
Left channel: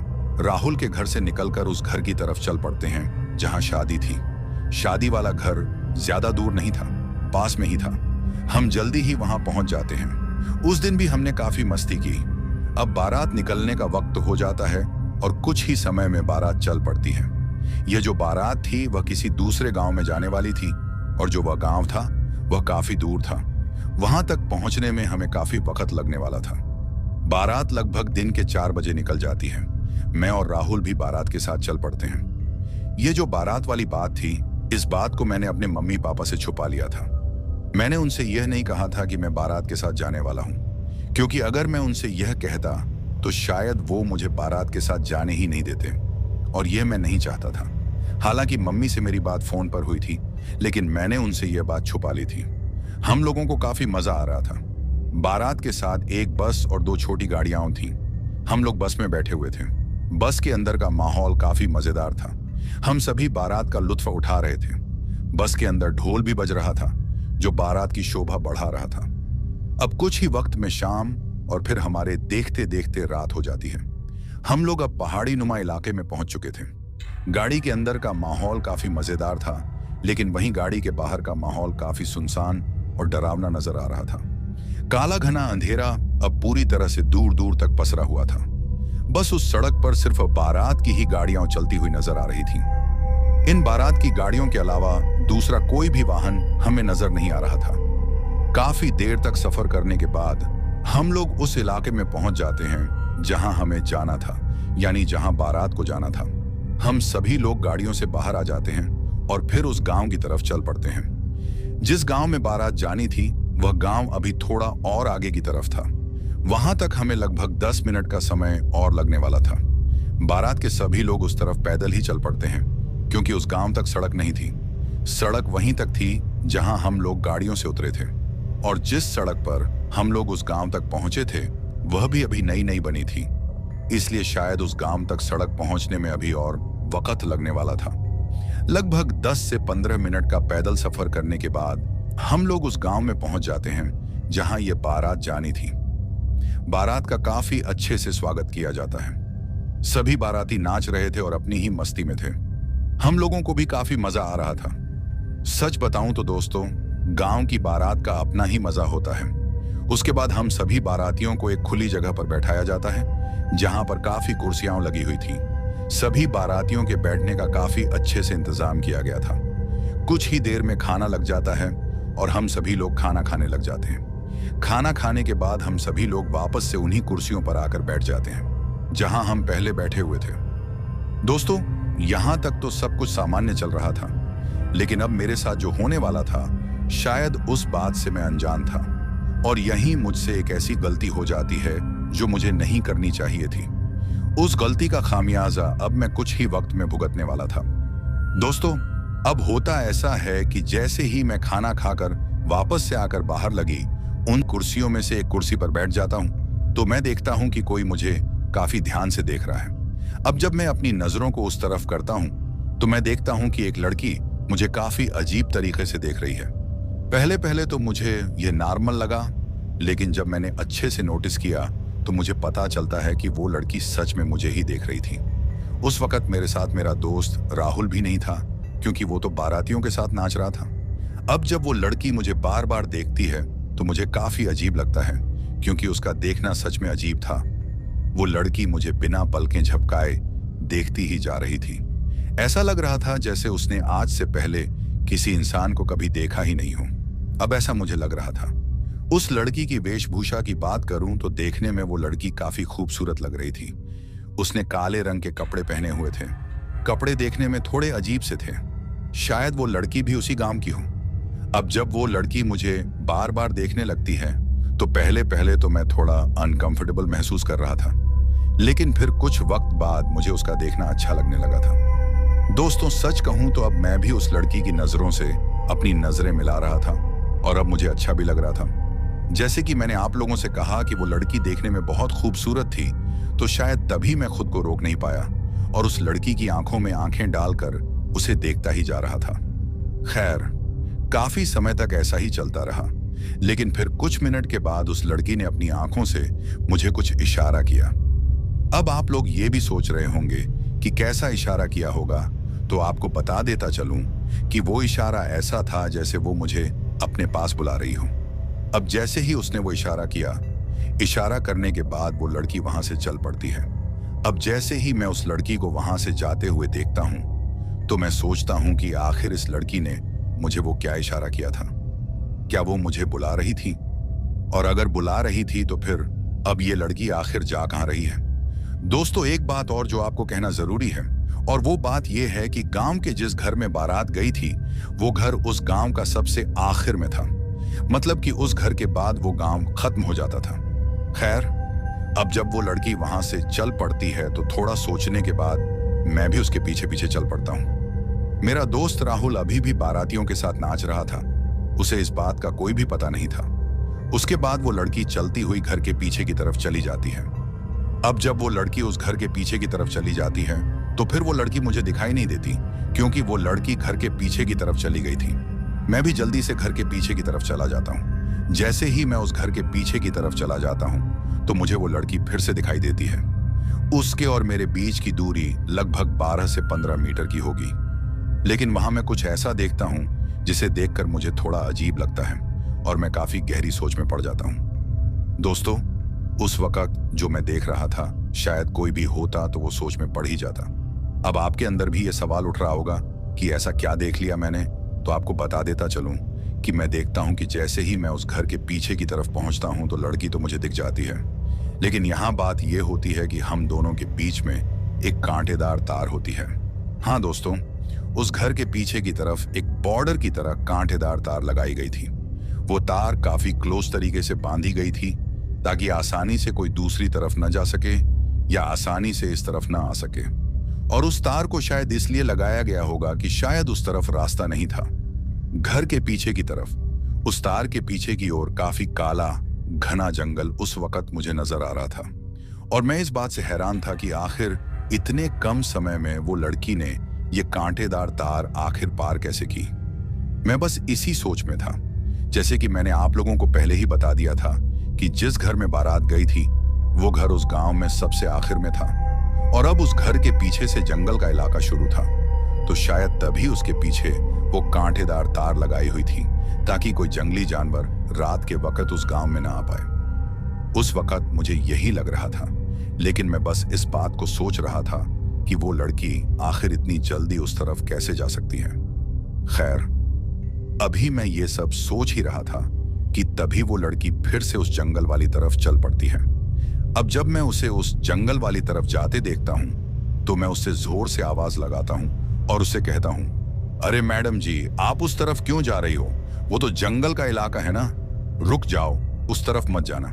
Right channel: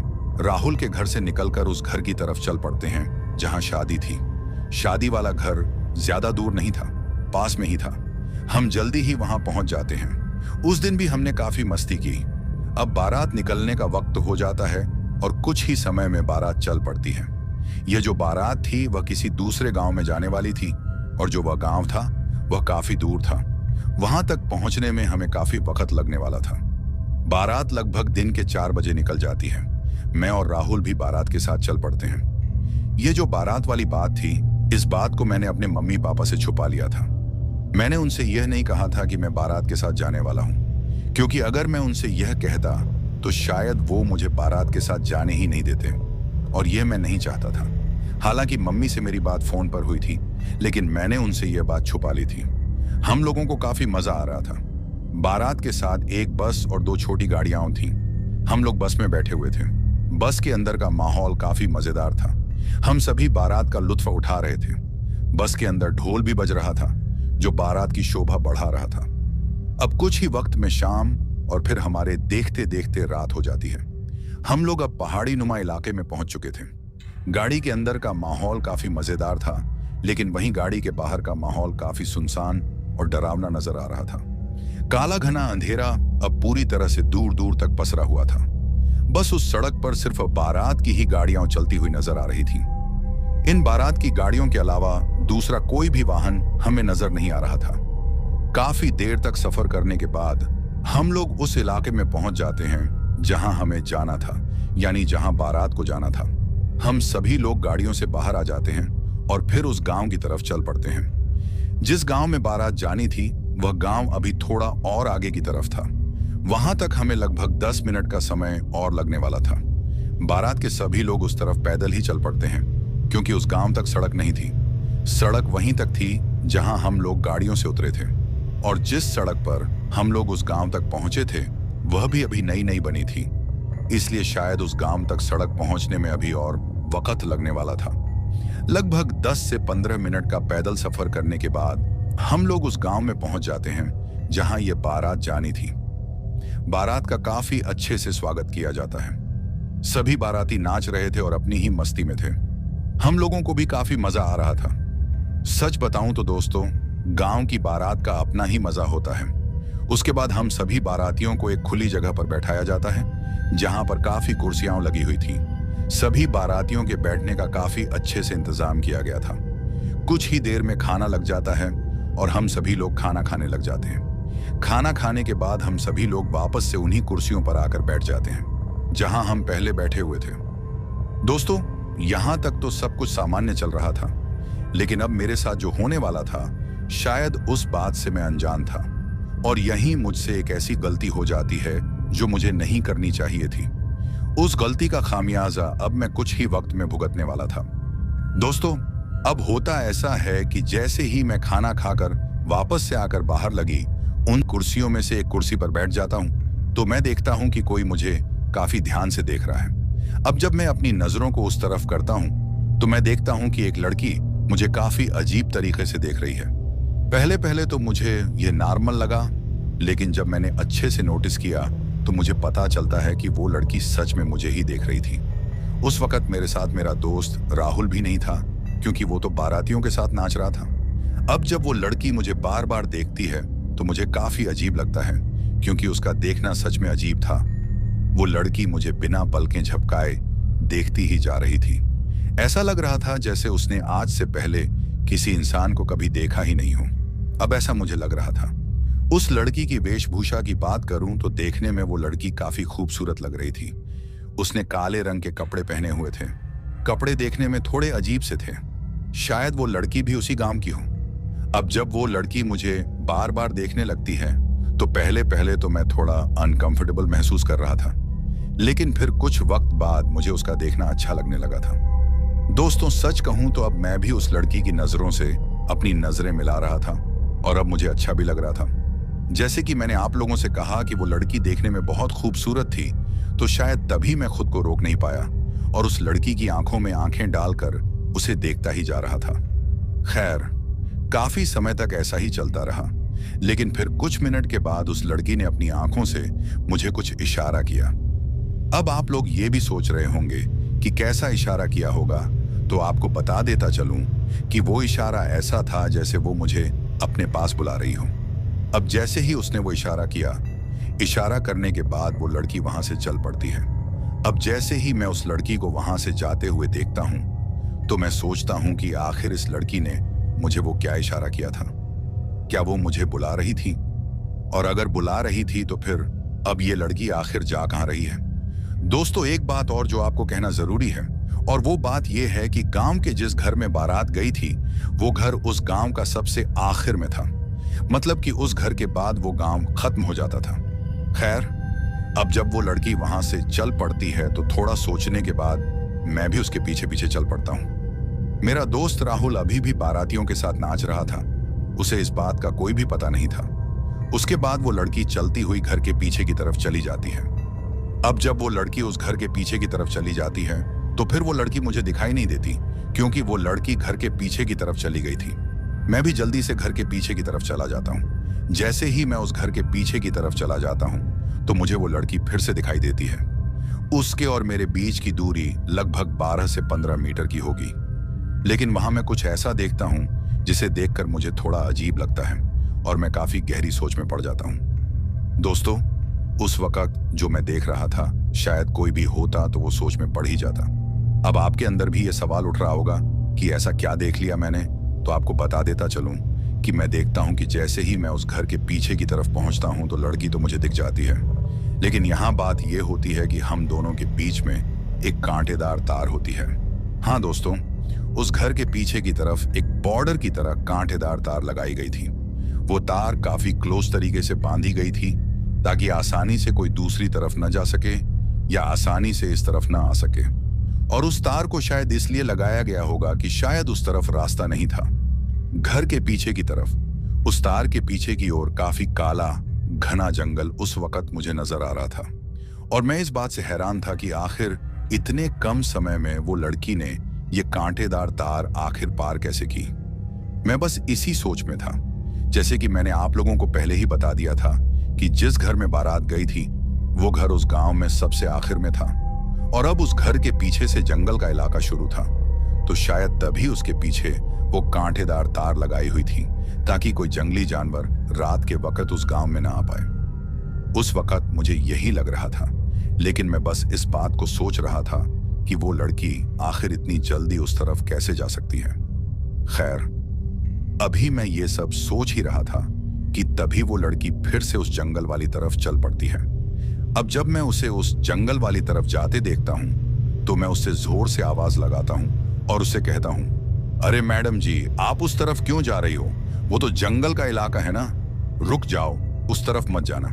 राहुल के घर से निकलकर उस घर की तरफ चल पड़ते हैं जहां शादी थी। शादी वाला घर ज्यादा दूर नहीं था, पास में ही था। हम जल्दी ही वहां पहुंच जाते हैं। उस दिन भी हमने काफी मस्ती की। अब बारात निकलने का वक्त हो जाता है और कुछ ही समय में बारात चल पड़ती है। यह जो बारात थी वह किसी दूसरे गांव में जाने वाली थी, और जो वह गांव था वह काफी दूर था। वहां तक पहुंचने में हमें काफी वक्त लगने वाला था। बारात लगभग दिन के 4 बजे निकल जाती है। मैं और राहुल भी बारात के साथ चल पड़ते हैं। यह जो बारात वाली बात थी, इस बात को मैंने अपने मम्मी पापा से छुपा लिया था। मैंने उनसे यह नहीं कहा था कि मैं बारात के साथ जाने वाला हूं, क्योंकि अगर मैं उनसे यह कहता तो शायद वो मुझे बारात के साथ जाने ही नहीं देते, और यह मैं नहीं चाहता था। हालांकि मम्मी से मेरी बात फोन पर हुई थी, लेकिन मैंने उनसे यह बात छुपा ली थी। हम लोगों को काफी मजा आ रहा था। बारात के साथ एक बस और 2 छोटी गाड़ियां थीं। हम लोग बस में बैठे हुए थे। बस के अंदर का माहौल काफी मजेदार था। हम सभी बारात का लुत्फ उठा रहे थे। बस के अंदर ढोल भी बज रहा था, जो बारात की शोभा बढ़ा रहा था। अब कुछ ही वक्त में शाम और फिर हमारे देखते देखते रात हो जाती है। हम लोग अब पहाड़ी नुमा इलाके में पहुंच चुके थे। गाड़ी के अंदर का माहौल काफी मजेदार था, लेकिन वहीं गाड़ी के बाहर का माहौल काफी सुनसान और डरावना नजर आ रहा था। काला घना अंधेरा अब पूरी तरह से दूर दूर तक पसरा हुआ था। बस उस सड़क पर सिर्फ बारात की ही गाड़ियां चलती हुई नजर आ रही थीं। इन बारात की गाड़ियों के अलावा दूसरा कोई भी वाहन हमें नजर नहीं आ रहा था। काफी देर तक सफर करने के बाद हम लोग उस इलाके में पहुंच जाते हैं जहां हमें जाना था, यानी जहां बारात को जाना था। हम सभी लोग गाड़ियों से बाहर आ जाते हैं और फिर उस गांव की तरफ चल पड़ते हैं। जिस गांव में बारात जानी थी वह गांव अभी थोड़ा और आगे की तरफ था। वहां तक हमें लगभग 10 मिनट का समय और लगने वाला था। बारात के सभी लोग उस तरफ पैदल ही चल पड़ते हैं, क्योंकि उस गांव तक सड़क नहीं थी। सड़क वहीं तक थी जहां हम लोग गाड़ियों से उतरे थे, और जिस सड़क पर हम लोग उस गांव तक पहुंचे थे वह भी अभी नई नई बनी थी। इसलिए शायद उस गांव तक सड़क पहुंचने में अभी और वक्त लगने वाला था। लगभग 10 से 15 मिनट का पैदल सफर करने के बाद हम लोग उस गांव में पहुंच जाते हैं जहां यह बारात जानी थी। बारात का काफी अच्छे से स्वागत किया जाता है। सभी बाराती नाच रहे थे और अपनी ही मस्ती में थे। हम लोगों को भी काफी मजा आ रहा था। सच बताऊं तो दोस्तों, गांव की बारात का अपना ही मजा होता है। उसके बाद हम सभी बारातियों को एक खुली जगह पर बैठाया जाता है जहां पर काफी कुर्सियां लगी हुई थी। सभी बारातियों के बैठने का काफी अच्छे से इंतजाम किया गया था। कुछ ही देर में खाना लग जाता है और हम सभी लोग खाना खाने लग जाते हैं। खाना खाने के बाद हम सभी लोग वापस से उन्हीं कुर्सियों पर आकर बैठ जाते हैं जहां हम पहले बैठे हुए थे। दोस्तों, यहां तक तो सब कुछ सामान्य चल रहा था, लेकिन अब मेरे साथ जो होने वाला था शायद उस बात से मैं अनजान था, और यहीं मुझसे एक ऐसी गलती हो जाती है जो मुझे नहीं करनी चाहिए थी। उस गलती का खामियाजा अब मैं कुछ ही वक्त में भुगतने वाला था। दोस्तों, अब होता ऐसा है कि जैसे ही मैं खाना खाकर वापस से आकर बाहर लगी, उन कुर्सियों में से एक कुर्सी पर बैठ जाता हूं तो मैं देखता हूं कि कोई मुझे काफी ध्यान से देख रहा है। अब जब मैं अपनी नजरों को उस तरफ करता हूं तो मैं देखता हूं कि एक लड़की मुझे काफी अजीब तरीके से देख रही है। पहले पहले तो मुझे यह नॉर्मल लगा, लेकिन जब मैंने अच्छे से नोटिस किया तो मुझे पता चलता है कि वो लड़की सच में मुझे ही देख रही थी। उस वक्त मेरे साथ मेरा दोस्त राहुल भी नहीं था, क्योंकि वो तो बारातियों के साथ नाच रहा था। अब जब वो लड़की मुझे बार बार देखती है तो मुझे काफी अजीब लगता है, क्योंकि उसका देखना सच में अजीब था। वो लड़की मुझे बिना पलकें झपकाए देखती ही जा रही थी। ऐसा लग रहा था जैसे उसने आज से पहले किसी इंसान को कभी देखा ही नहीं हो। अब ऐसा मुझे लग रहा था। उस लड़की की वेशभूषा की बात करूं तो देखने में वो लड़की काफी खूबसूरत लग रही थी। उसने काले रंग के कपड़े पहने हुए थे। कपड़े देखने में थोड़े अजीब से थे। शायद वो लड़की भी उसी गांव की हो। अब जब वो लड़की मुझे बार बार देखने लगती है तो पहले पहले तो मैं थोड़ा अनकंफर्टेबल महसूस कर रहा था, लेकिन फिर कुछ वक्त बाद मुझे उसका देखना अच्छा लगने लगा था। दोस्तों, सच कहूं तो अब मैं भी उस लड़की की नजरों से अपनी नजरें मिला रहा था और अब मुझे अच्छा भी लग रहा था। जैसे कि मैंने आप लोगों से कहा कि वो लड़की देखने में बहुत खूबसूरत थी, तो शायद तभी मैं खुद को रोक नहीं पाया और उस लड़की की आंखों में आंखें डालकर उसे देखता ही जा रहा था। खैर, काफी समय तक ऐसा ही चलता रहा, लेकिन फिर कुछ मिनट के बाद उस लड़की ने अपनी आंखों से मुझे कुछ इशारा किया। अब आप लोग ये भी सोच रहे होंगे कि कैसा इशारा किया होगा, तो आपको बता देता चलूं कि वो इशारा ऐसा था जैसे वो मुझे अपने पास बुला रही हो। अब जैसे ही उसने वो इशारा किया, इशारा करने के बाद वो लड़की वहां से चल पड़ती है। अब जैसे ही मैं उस लड़की को वहां से जाते हुए देखता हूं तो मैं सोचता हूं कि आखिर इस लड़की ने मुझे वो क्या इशारा किया था। क्या वो मुझे बुला रही थी? और अगर बुला रही थी तो फिर अब ये लड़की आखिर जा कहां रही है? दोस्तों, एक बात और जो आपको कहना जरूरी है, और वो बात यह है कि गांव के जिस घर में बारात गई थी वो घर उस गांव का सबसे आखिर में था। मतलब कि उस घर के बाद वो गांव खत्म हो जाता था। खैर, अब जब वो लड़की वहां से चल पड़ती है तो थोड़ा सोचने के बाद मैं भी उसके पीछे पीछे चल पड़ता हूं। मेरा दोस्त राहुल अभी भी बारातियों के साथ नाच रहा था। उसे इस बात का कोई भी पता नहीं था। उसके बाद वो लड़की चलती हुई घर के पीछे की तरफ चली जाती है। अब जब वो लड़की उस घर के पीछे की तरफ चली जाती है तो फिर वो लड़की मुझे दिखाई नहीं देती, क्योंकि वो लड़की घर के पीछे की तरफ चली गई थी। मैं भी जल्दी से घर के पीछे की तरफ चला जाता हूँ। जैसे ही मैं उस घर के पीछे की तरफ चला जाता हूँ तो मुझे वो लड़की फिर से दिखाई देती है। उसके और मेरे बीच की दूरी लगभग 12 से 15 मीटर की होगी, लेकिन वहां मैं कुछ ऐसा देखता हूं जिसे देखकर मुझे थोड़ा अजीब लगता है और मैं काफी गहरी सोच में पड़ जाता हूं। दोस्तों, उस वक्त जो मैं देख रहा था, शायद कोई भी होता तो वो सोच में पड़ ही जाता। अब आपके अंदर भी ये सवाल उठ रहा होगा कि ऐसा क्या देख लिया मैंने, तो आपको बता देता चलूं कि मैं देखता हूं कि जैसे ही मैं उस घर के पीछे की तरफ पहुंचता हूं तो लड़की तो मुझे दिख जाती है, लेकिन यहां बात यह होती है कि हम दोनों के बीच में एक कांटेदार तार होती है। हाँ दोस्तों, उस घर के पीछे की तरफ एक बॉर्डर की तरह कांटेदार तार लगाई गई थी। वो तार काफी क्लोज तरीके से बांधी गई थी ताकि आसानी से कोई दूसरी तरफ न जा सके या आसानी से इस तरफ न आ सके। और उस तार को शायद इसलिए लगाया गया होगा कि शायद उस तरफ रास्ता नहीं था। घर के पीछे की तरफ उस तार के पीछे की ओर काफी काला घना जंगल उस वक्त मुझे नजर आ रहा था, और मैं इस बात से हैरान था कि आखिर इतने कम समय में वो लड़की ने ये कांटेदार तार आखिर पार कैसे की। मैं बस इसी सोच में था। जैसे कि मैंने आप लोगों को पहले ही बता दिया था कि जिस घर में बारात गई थी वो घर उस गांव में सबसे आखिर में था, और अब उस घर के पीछे से जंगल का इलाका शुरू था, तो शायद तभी उसके पीछे वो कांटेदार तार लगाई हुई थी ताकि कोई जंगली जानवर रात के वक्त उस गांव में ना आ पाए। उस वक्त मुझे यही लग रहा था, लेकिन मैं बस इस बात को सोच रहा था कि वो लड़की आखिर इतनी जल्दी उस तरफ कैसे जा सकती है। खैर, अभी मैं ये सब सोच ही रहा था कि तभी वो लड़की फिर से उस जंगल वाली तरफ चल पड़ती है। अब जब मैं उसे उस जंगल वाली तरफ जाते देखता हूं तो मैं उससे जोर से आवाज लगाता हूं और उससे कहता हूं, अरे मैडम जी, आप उस तरफ क्यों जा रही हो? वो तो जंगल का इलाका है ना, रुक जाओ, उस तरफ मत जाना।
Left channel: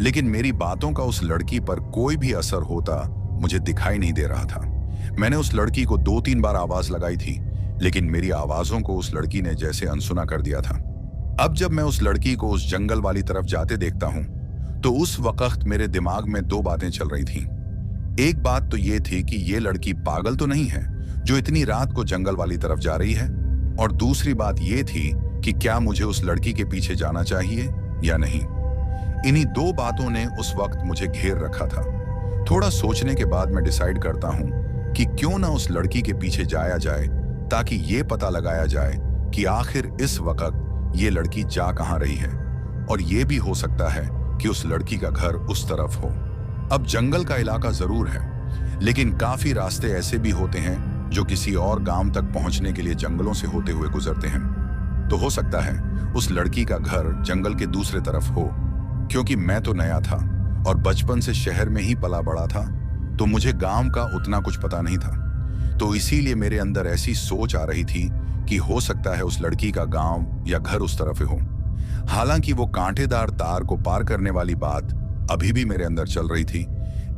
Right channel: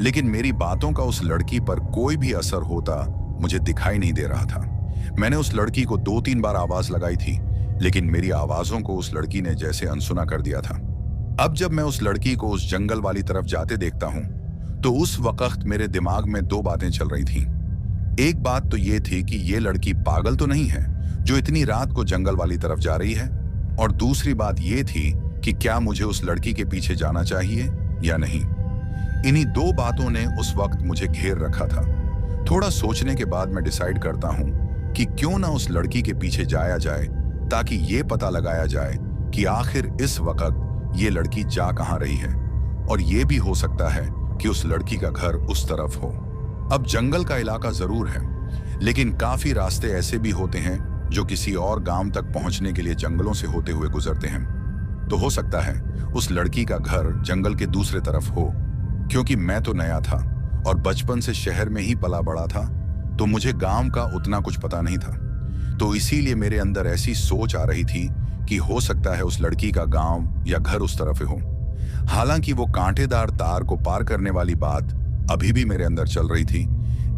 लेकिन मेरी बातों का उस लड़की पर कोई भी असर होता मुझे दिखाई नहीं दे रहा था। मैंने उस लड़की को 2-3 बार आवाज लगाई थी, लेकिन मेरी आवाजों को उस लड़की ने जैसे अनसुना कर दिया था। अब जब मैं उस लड़की को उस जंगल वाली तरफ जाते देखता हूं, तो उस वक्त मेरे दिमाग में दो बातें चल रही थीं। एक बात तो ये थी कि ये लड़की पागल तो नहीं है जो इतनी रात को जंगल वाली तरफ जा रही है, और दूसरी बात ये थी कि क्या मुझे उस लड़की के पीछे जाना चाहिए या नहीं। इन्हीं दो बातों ने उस वक्त मुझे घेर रखा था। थोड़ा सोचने के बाद मैं डिसाइड करता हूं कि क्यों ना उस लड़की के पीछे जाया जाए, ताकि ये पता लगाया जाए कि आखिर इस वक्त ये लड़की जा कहां रही है, और ये भी हो सकता है कि उस लड़की का घर उस तरफ हो। अब जंगल का इलाका जरूर है, लेकिन काफी रास्ते ऐसे भी होते हैं जो किसी और गांव तक पहुंचने के लिए जंगलों से होते हुए गुजरते हैं। तो हो सकता है उस लड़की का घर जंगल के दूसरे तरफ हो। क्योंकि मैं तो नया था और बचपन से शहर में ही पला बड़ा था, तो मुझे गांव का उतना कुछ पता नहीं था। तो इसीलिए मेरे अंदर ऐसी सोच आ रही थी कि हो सकता है उस लड़की का गांव या घर उस तरफ हो। हालांकि वो कांटेदार तार को पार करने वाली बात अभी भी मेरे अंदर चल रही थी,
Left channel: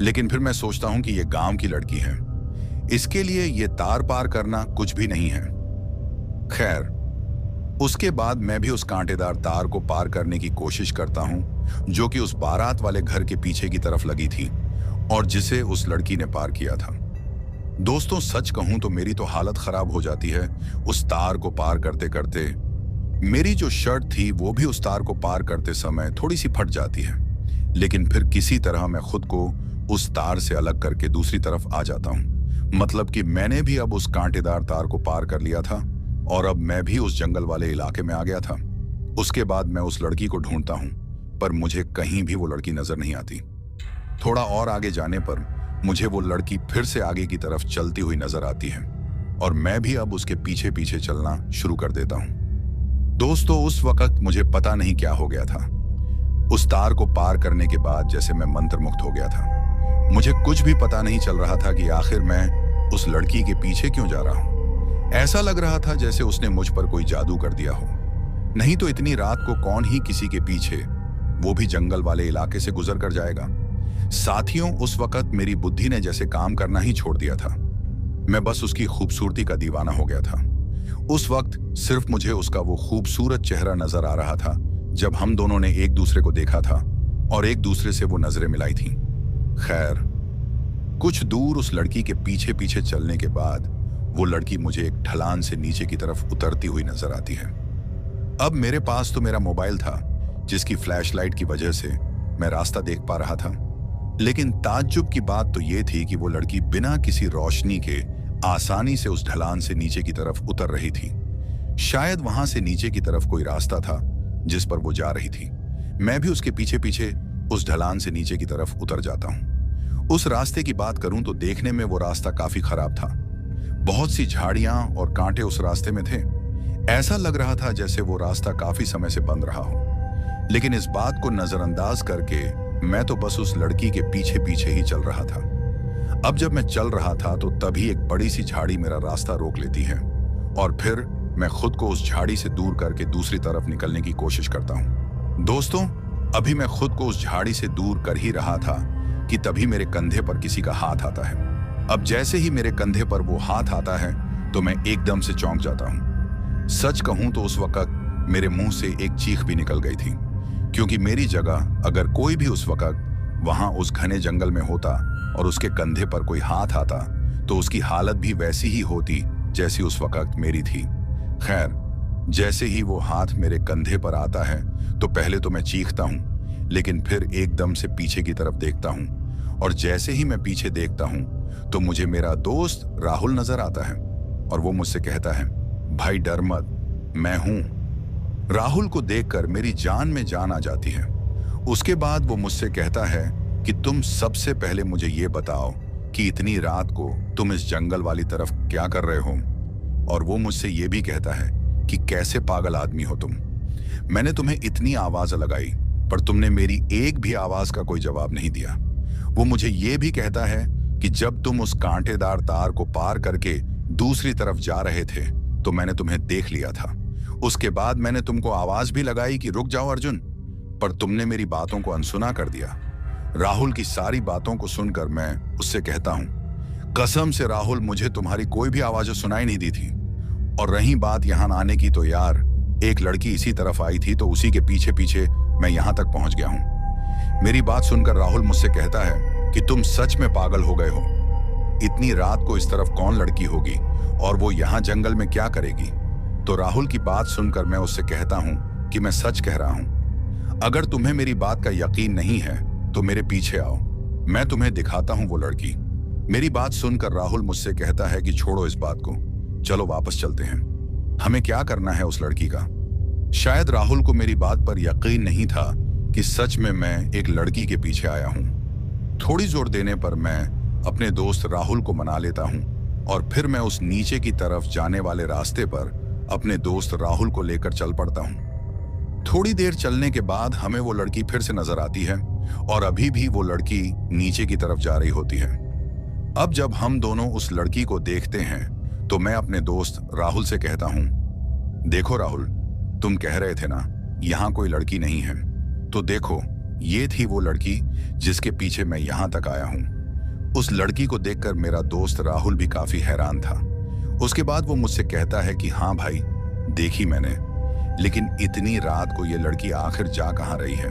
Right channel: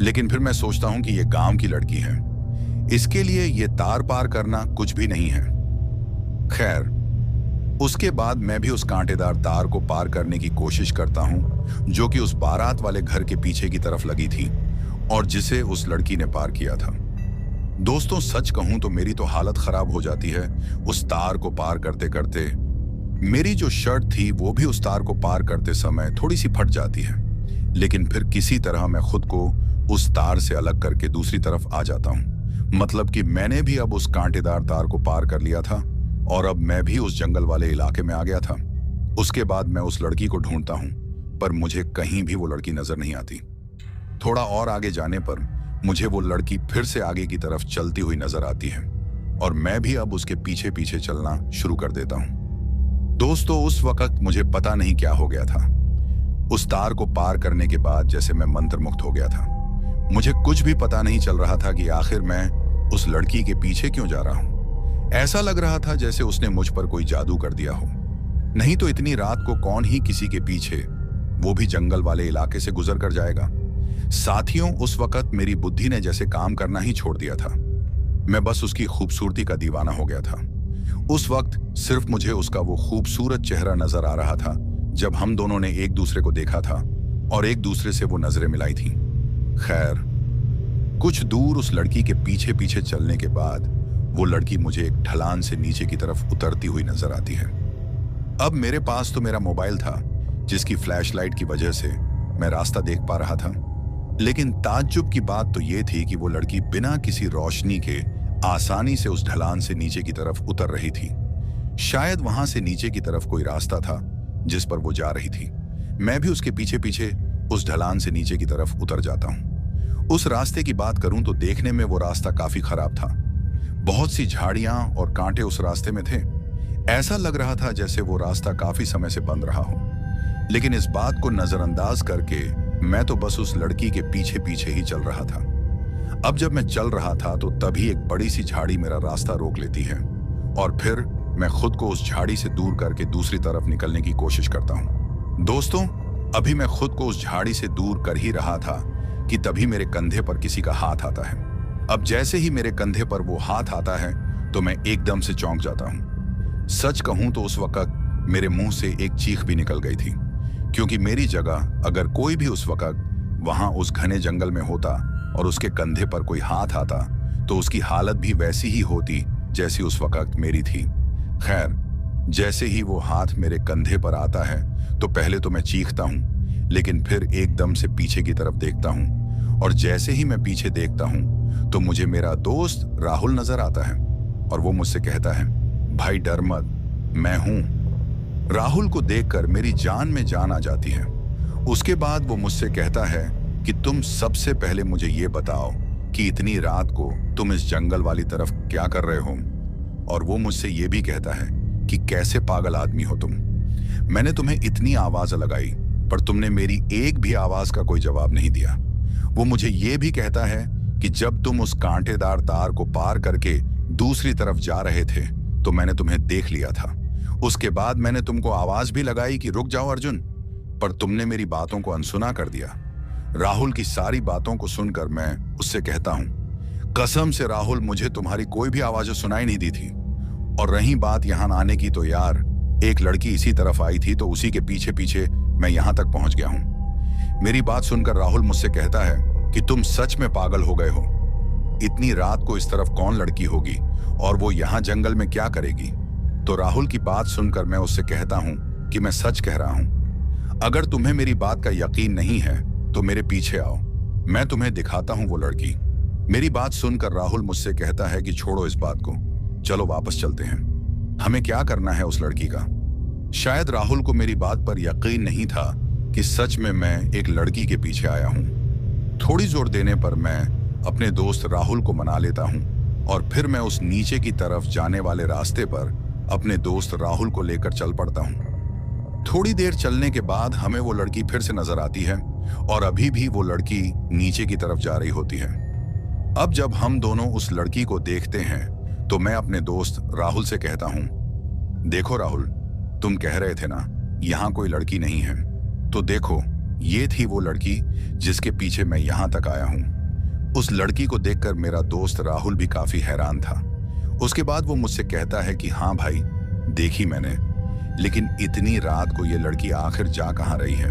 लेकिन फिर मैं सोचता हूं कि ये गांव की लड़की है, इसके लिए ये तार पार करना कुछ भी नहीं है। खैर, उसके बाद मैं भी उस कांटेदार तार को पार करने की कोशिश करता हूं जो कि उस बारात वाले घर के पीछे की तरफ लगी थी और जिसे उस लड़की ने पार किया था। दोस्तों, सच कहूं तो मेरी तो हालत खराब हो जाती है उस तार को पार करते करते। मेरी जो शर्ट थी वो भी उस तार को पार करते समय थोड़ी सी फट जाती है, लेकिन फिर किसी तरह मैं खुद को उस तार से अलग करके दूसरी तरफ आ जाता हूं। मतलब कि मैंने भी अब उस कांटेदार तार को पार कर लिया था और अब मैं भी उस जंगल वाले इलाके में आ गया था। उसके बाद मैं उस लड़की को ढूंढता हूं, पर मुझे कहीं भी वो लड़की नजर नहीं आती। थोड़ा और आगे जाने पर मुझे वो लड़की फिर से आगे की तरफ चलती हुई नजर आती है और मैं भी अब उसके पीछे पीछे चलना शुरू कर देता हूं। दोस्तों, उस वक्त मुझे पता नहीं क्या हो गया था। उस तार को पार करने के बाद जैसे मैं मंत्रमुग्ध हो गया था। मुझे कुछ भी पता नहीं चल रहा था कि आखिर मैं उस लड़की के पीछे क्यों जा रहा हूं। ऐसा लग रहा था जैसे उसने मुझ पर कोई जादू कर दिया हो। नहीं तो इतनी रात को कौन ही किसी के पीछे, वो भी जंगल वाले इलाके से गुजर कर जाएगा। साथियों, उस वक्त मेरी बुद्धि ने जैसे काम करना ही छोड़ दिया था। मैं बस उसकी खूबसूरती का दीवाना हो गया था। उस वक्त सिर्फ मुझे उसका वो खूबसूरत चेहरा नजर आ रहा था जब हम दोनों ने एक दूसरे को देखा था और एक दूसरे से वो नजरें मिलाई थीं। खैर, कुछ दूर उस लड़की के पीछे पीछे चलने के बाद वो लड़की मुझे एक ढलान से नीचे की तरफ उतरती हुई नजर आती है। अब मेरे पास तो मेरा मोबाइल था जिसकी फ्लैशलाइट की वजह से मैं रास्ता देख पा रहा था, लेकिन ताज्जुब की बात तो ये थी कि वो लड़की बिना किसी रोशनी के आसानी से उस ढलान से नीचे की तरफ उतर रही थी। शायद वहां से नीचे की तरफ कोई रास्ता था जिस पर वो जा रही थी। मैं भी उसके पीछे पीछे उस ढलान से नीचे की तरफ उतर जाता हूं। उस रास्ते की बात करूं तो देखने में वो रास्ता काफी खराब था। बहुत सी झाड़ियां और कांटे उस रास्ते में थे। ऐसा लग रहा था जैसे वो रास्ता काफी समय से बंद रहा हो। लेकिन इस बात को नजरअंदाज करके मैं तो बस उस लड़की के पीछे पीछे ही चल रहा था। अब जब मैं चल रहा था तो तभी एक बड़ी सी झाड़ी मेरा रास्ता रोक लेती है और फिर मैं खुद को उस झाड़ी से दूर करके दूसरी तरफ निकलने की कोशिश करता हूं। दोस्तों, अभी मैं खुद को उस झाड़ी से दूर कर ही रहा था कि तभी मेरे कंधे पर किसी का हाथ आता है। अब जैसे ही मेरे कंधे पर वो हाथ आता है तो मैं एकदम से चौंक जाता हूं। सच कहूं तो उस वक्त मेरे मुंह से एक चीख भी निकल गई थी, क्योंकि मेरी जगह अगर कोई भी उस वक्त वहां उस घने जंगल में होता और उसके कंधे पर कोई हाथ आता तो उसकी हालत भी वैसी ही होती जैसी उस वक्त मेरी थी। खैर, जैसे ही वो हाथ मेरे कंधे पर आता है तो पहले तो मैं चीखता हूं, लेकिन फिर एकदम से पीछे की तरफ देखता हूं और जैसे ही मैं पीछे देखता हूं तो मुझे मेरा दोस्त राहुल नजर आता है और वो मुझसे कहता है, भाई डर मत, मैं हूं। राहुल को देखकर मेरी जान में जान आ जाती है। उसके बाद वो मुझसे कहता है कि तुम सबसे पहले मुझे ये बताओ कि इतनी रात को तुम इस जंगल वाली तरफ क्या कर रहे हो। और वो मुझसे ये भी कहता है कि कैसे पागल आदमी हो तुम। मैंने तुम्हें इतनी आवाज लगाई पर तुमने मेरी एक भी आवाज का कोई जवाब नहीं दिया। वो मुझे ये भी कहता है कि जब तुम उस कांटेदार तार को पार करके दूसरी तरफ जा रहे थे तो मैंने तुम्हें देख लिया था। उसके बाद मैंने तुमको आवाज भी लगाई कि रुक जाओ अर्जुन, पर तुमने मेरी बातों को अनसुना कर दिया। राहुल की सारी बातों को सुनकर मैं उससे कहता हूं, कसम से राहुल, मुझे तुम्हारी कोई भी आवाज सुनाई नहीं दी थी। और रही बात यहां आने की तो यार, एक लड़की इसी तरफ आई थी तो उसी के पीछे पीछे मैं यहां तक पहुंच गया हूं। मेरी बात सुनकर राहुल मुझसे कहता है कि तुम सच में पागल हो गए हो। इतनी रात को इस तरफ कौन लड़की होगी और वो यहां जंगल में क्या करेगी? तो राहुल की बात सुनकर मैं उससे कहता हूं कि मैं सच कह रहा हूं। अगर तुम्हें मेरी बात का यकीन नहीं है तो मेरे पीछे आओ, मैं तुम्हें दिखाता हूं वो लड़की। मेरी बात सुनकर राहुल मुझसे कहता है कि छोड़ो इस बात को, चलो वापस चलते हैं। हमें क्या करना है उस लड़की का? शायद राहुल को मेरी बात पर यकीन नहीं था कि सच में मैं एक लड़की के पीछे आया हूं। थोड़ी जोर देने पर मैं अपने दोस्त राहुल को मना लेता हूं और फिर मैं उस नीचे की तरफ जाने वाले रास्ते पर अपने दोस्त राहुल को लेकर चल पड़ता हूं। थोड़ी देर चलने के बाद हमें वो लड़की फिर से नजर आती है और अभी भी वो लड़की नीचे की तरफ जा रही होती है। अब जब हम दोनों उस लड़की को देखते हैं तो मैं अपने दोस्त राहुल से कहता हूं, देखो राहुल, तुम कह रहे थे ना यहां कोई लड़की नहीं है, तो देखो ये थी वो लड़की जिसके पीछे मैं यहां तक आया हूं। उस लड़की को देखकर मेरा दोस्त राहुल भी काफी हैरान था। उसके बाद वो मुझसे कहता है कि हाँ भाई, देखी मैंने, लेकिन इतनी रात को ये लड़की आखिर जा कहां रही है?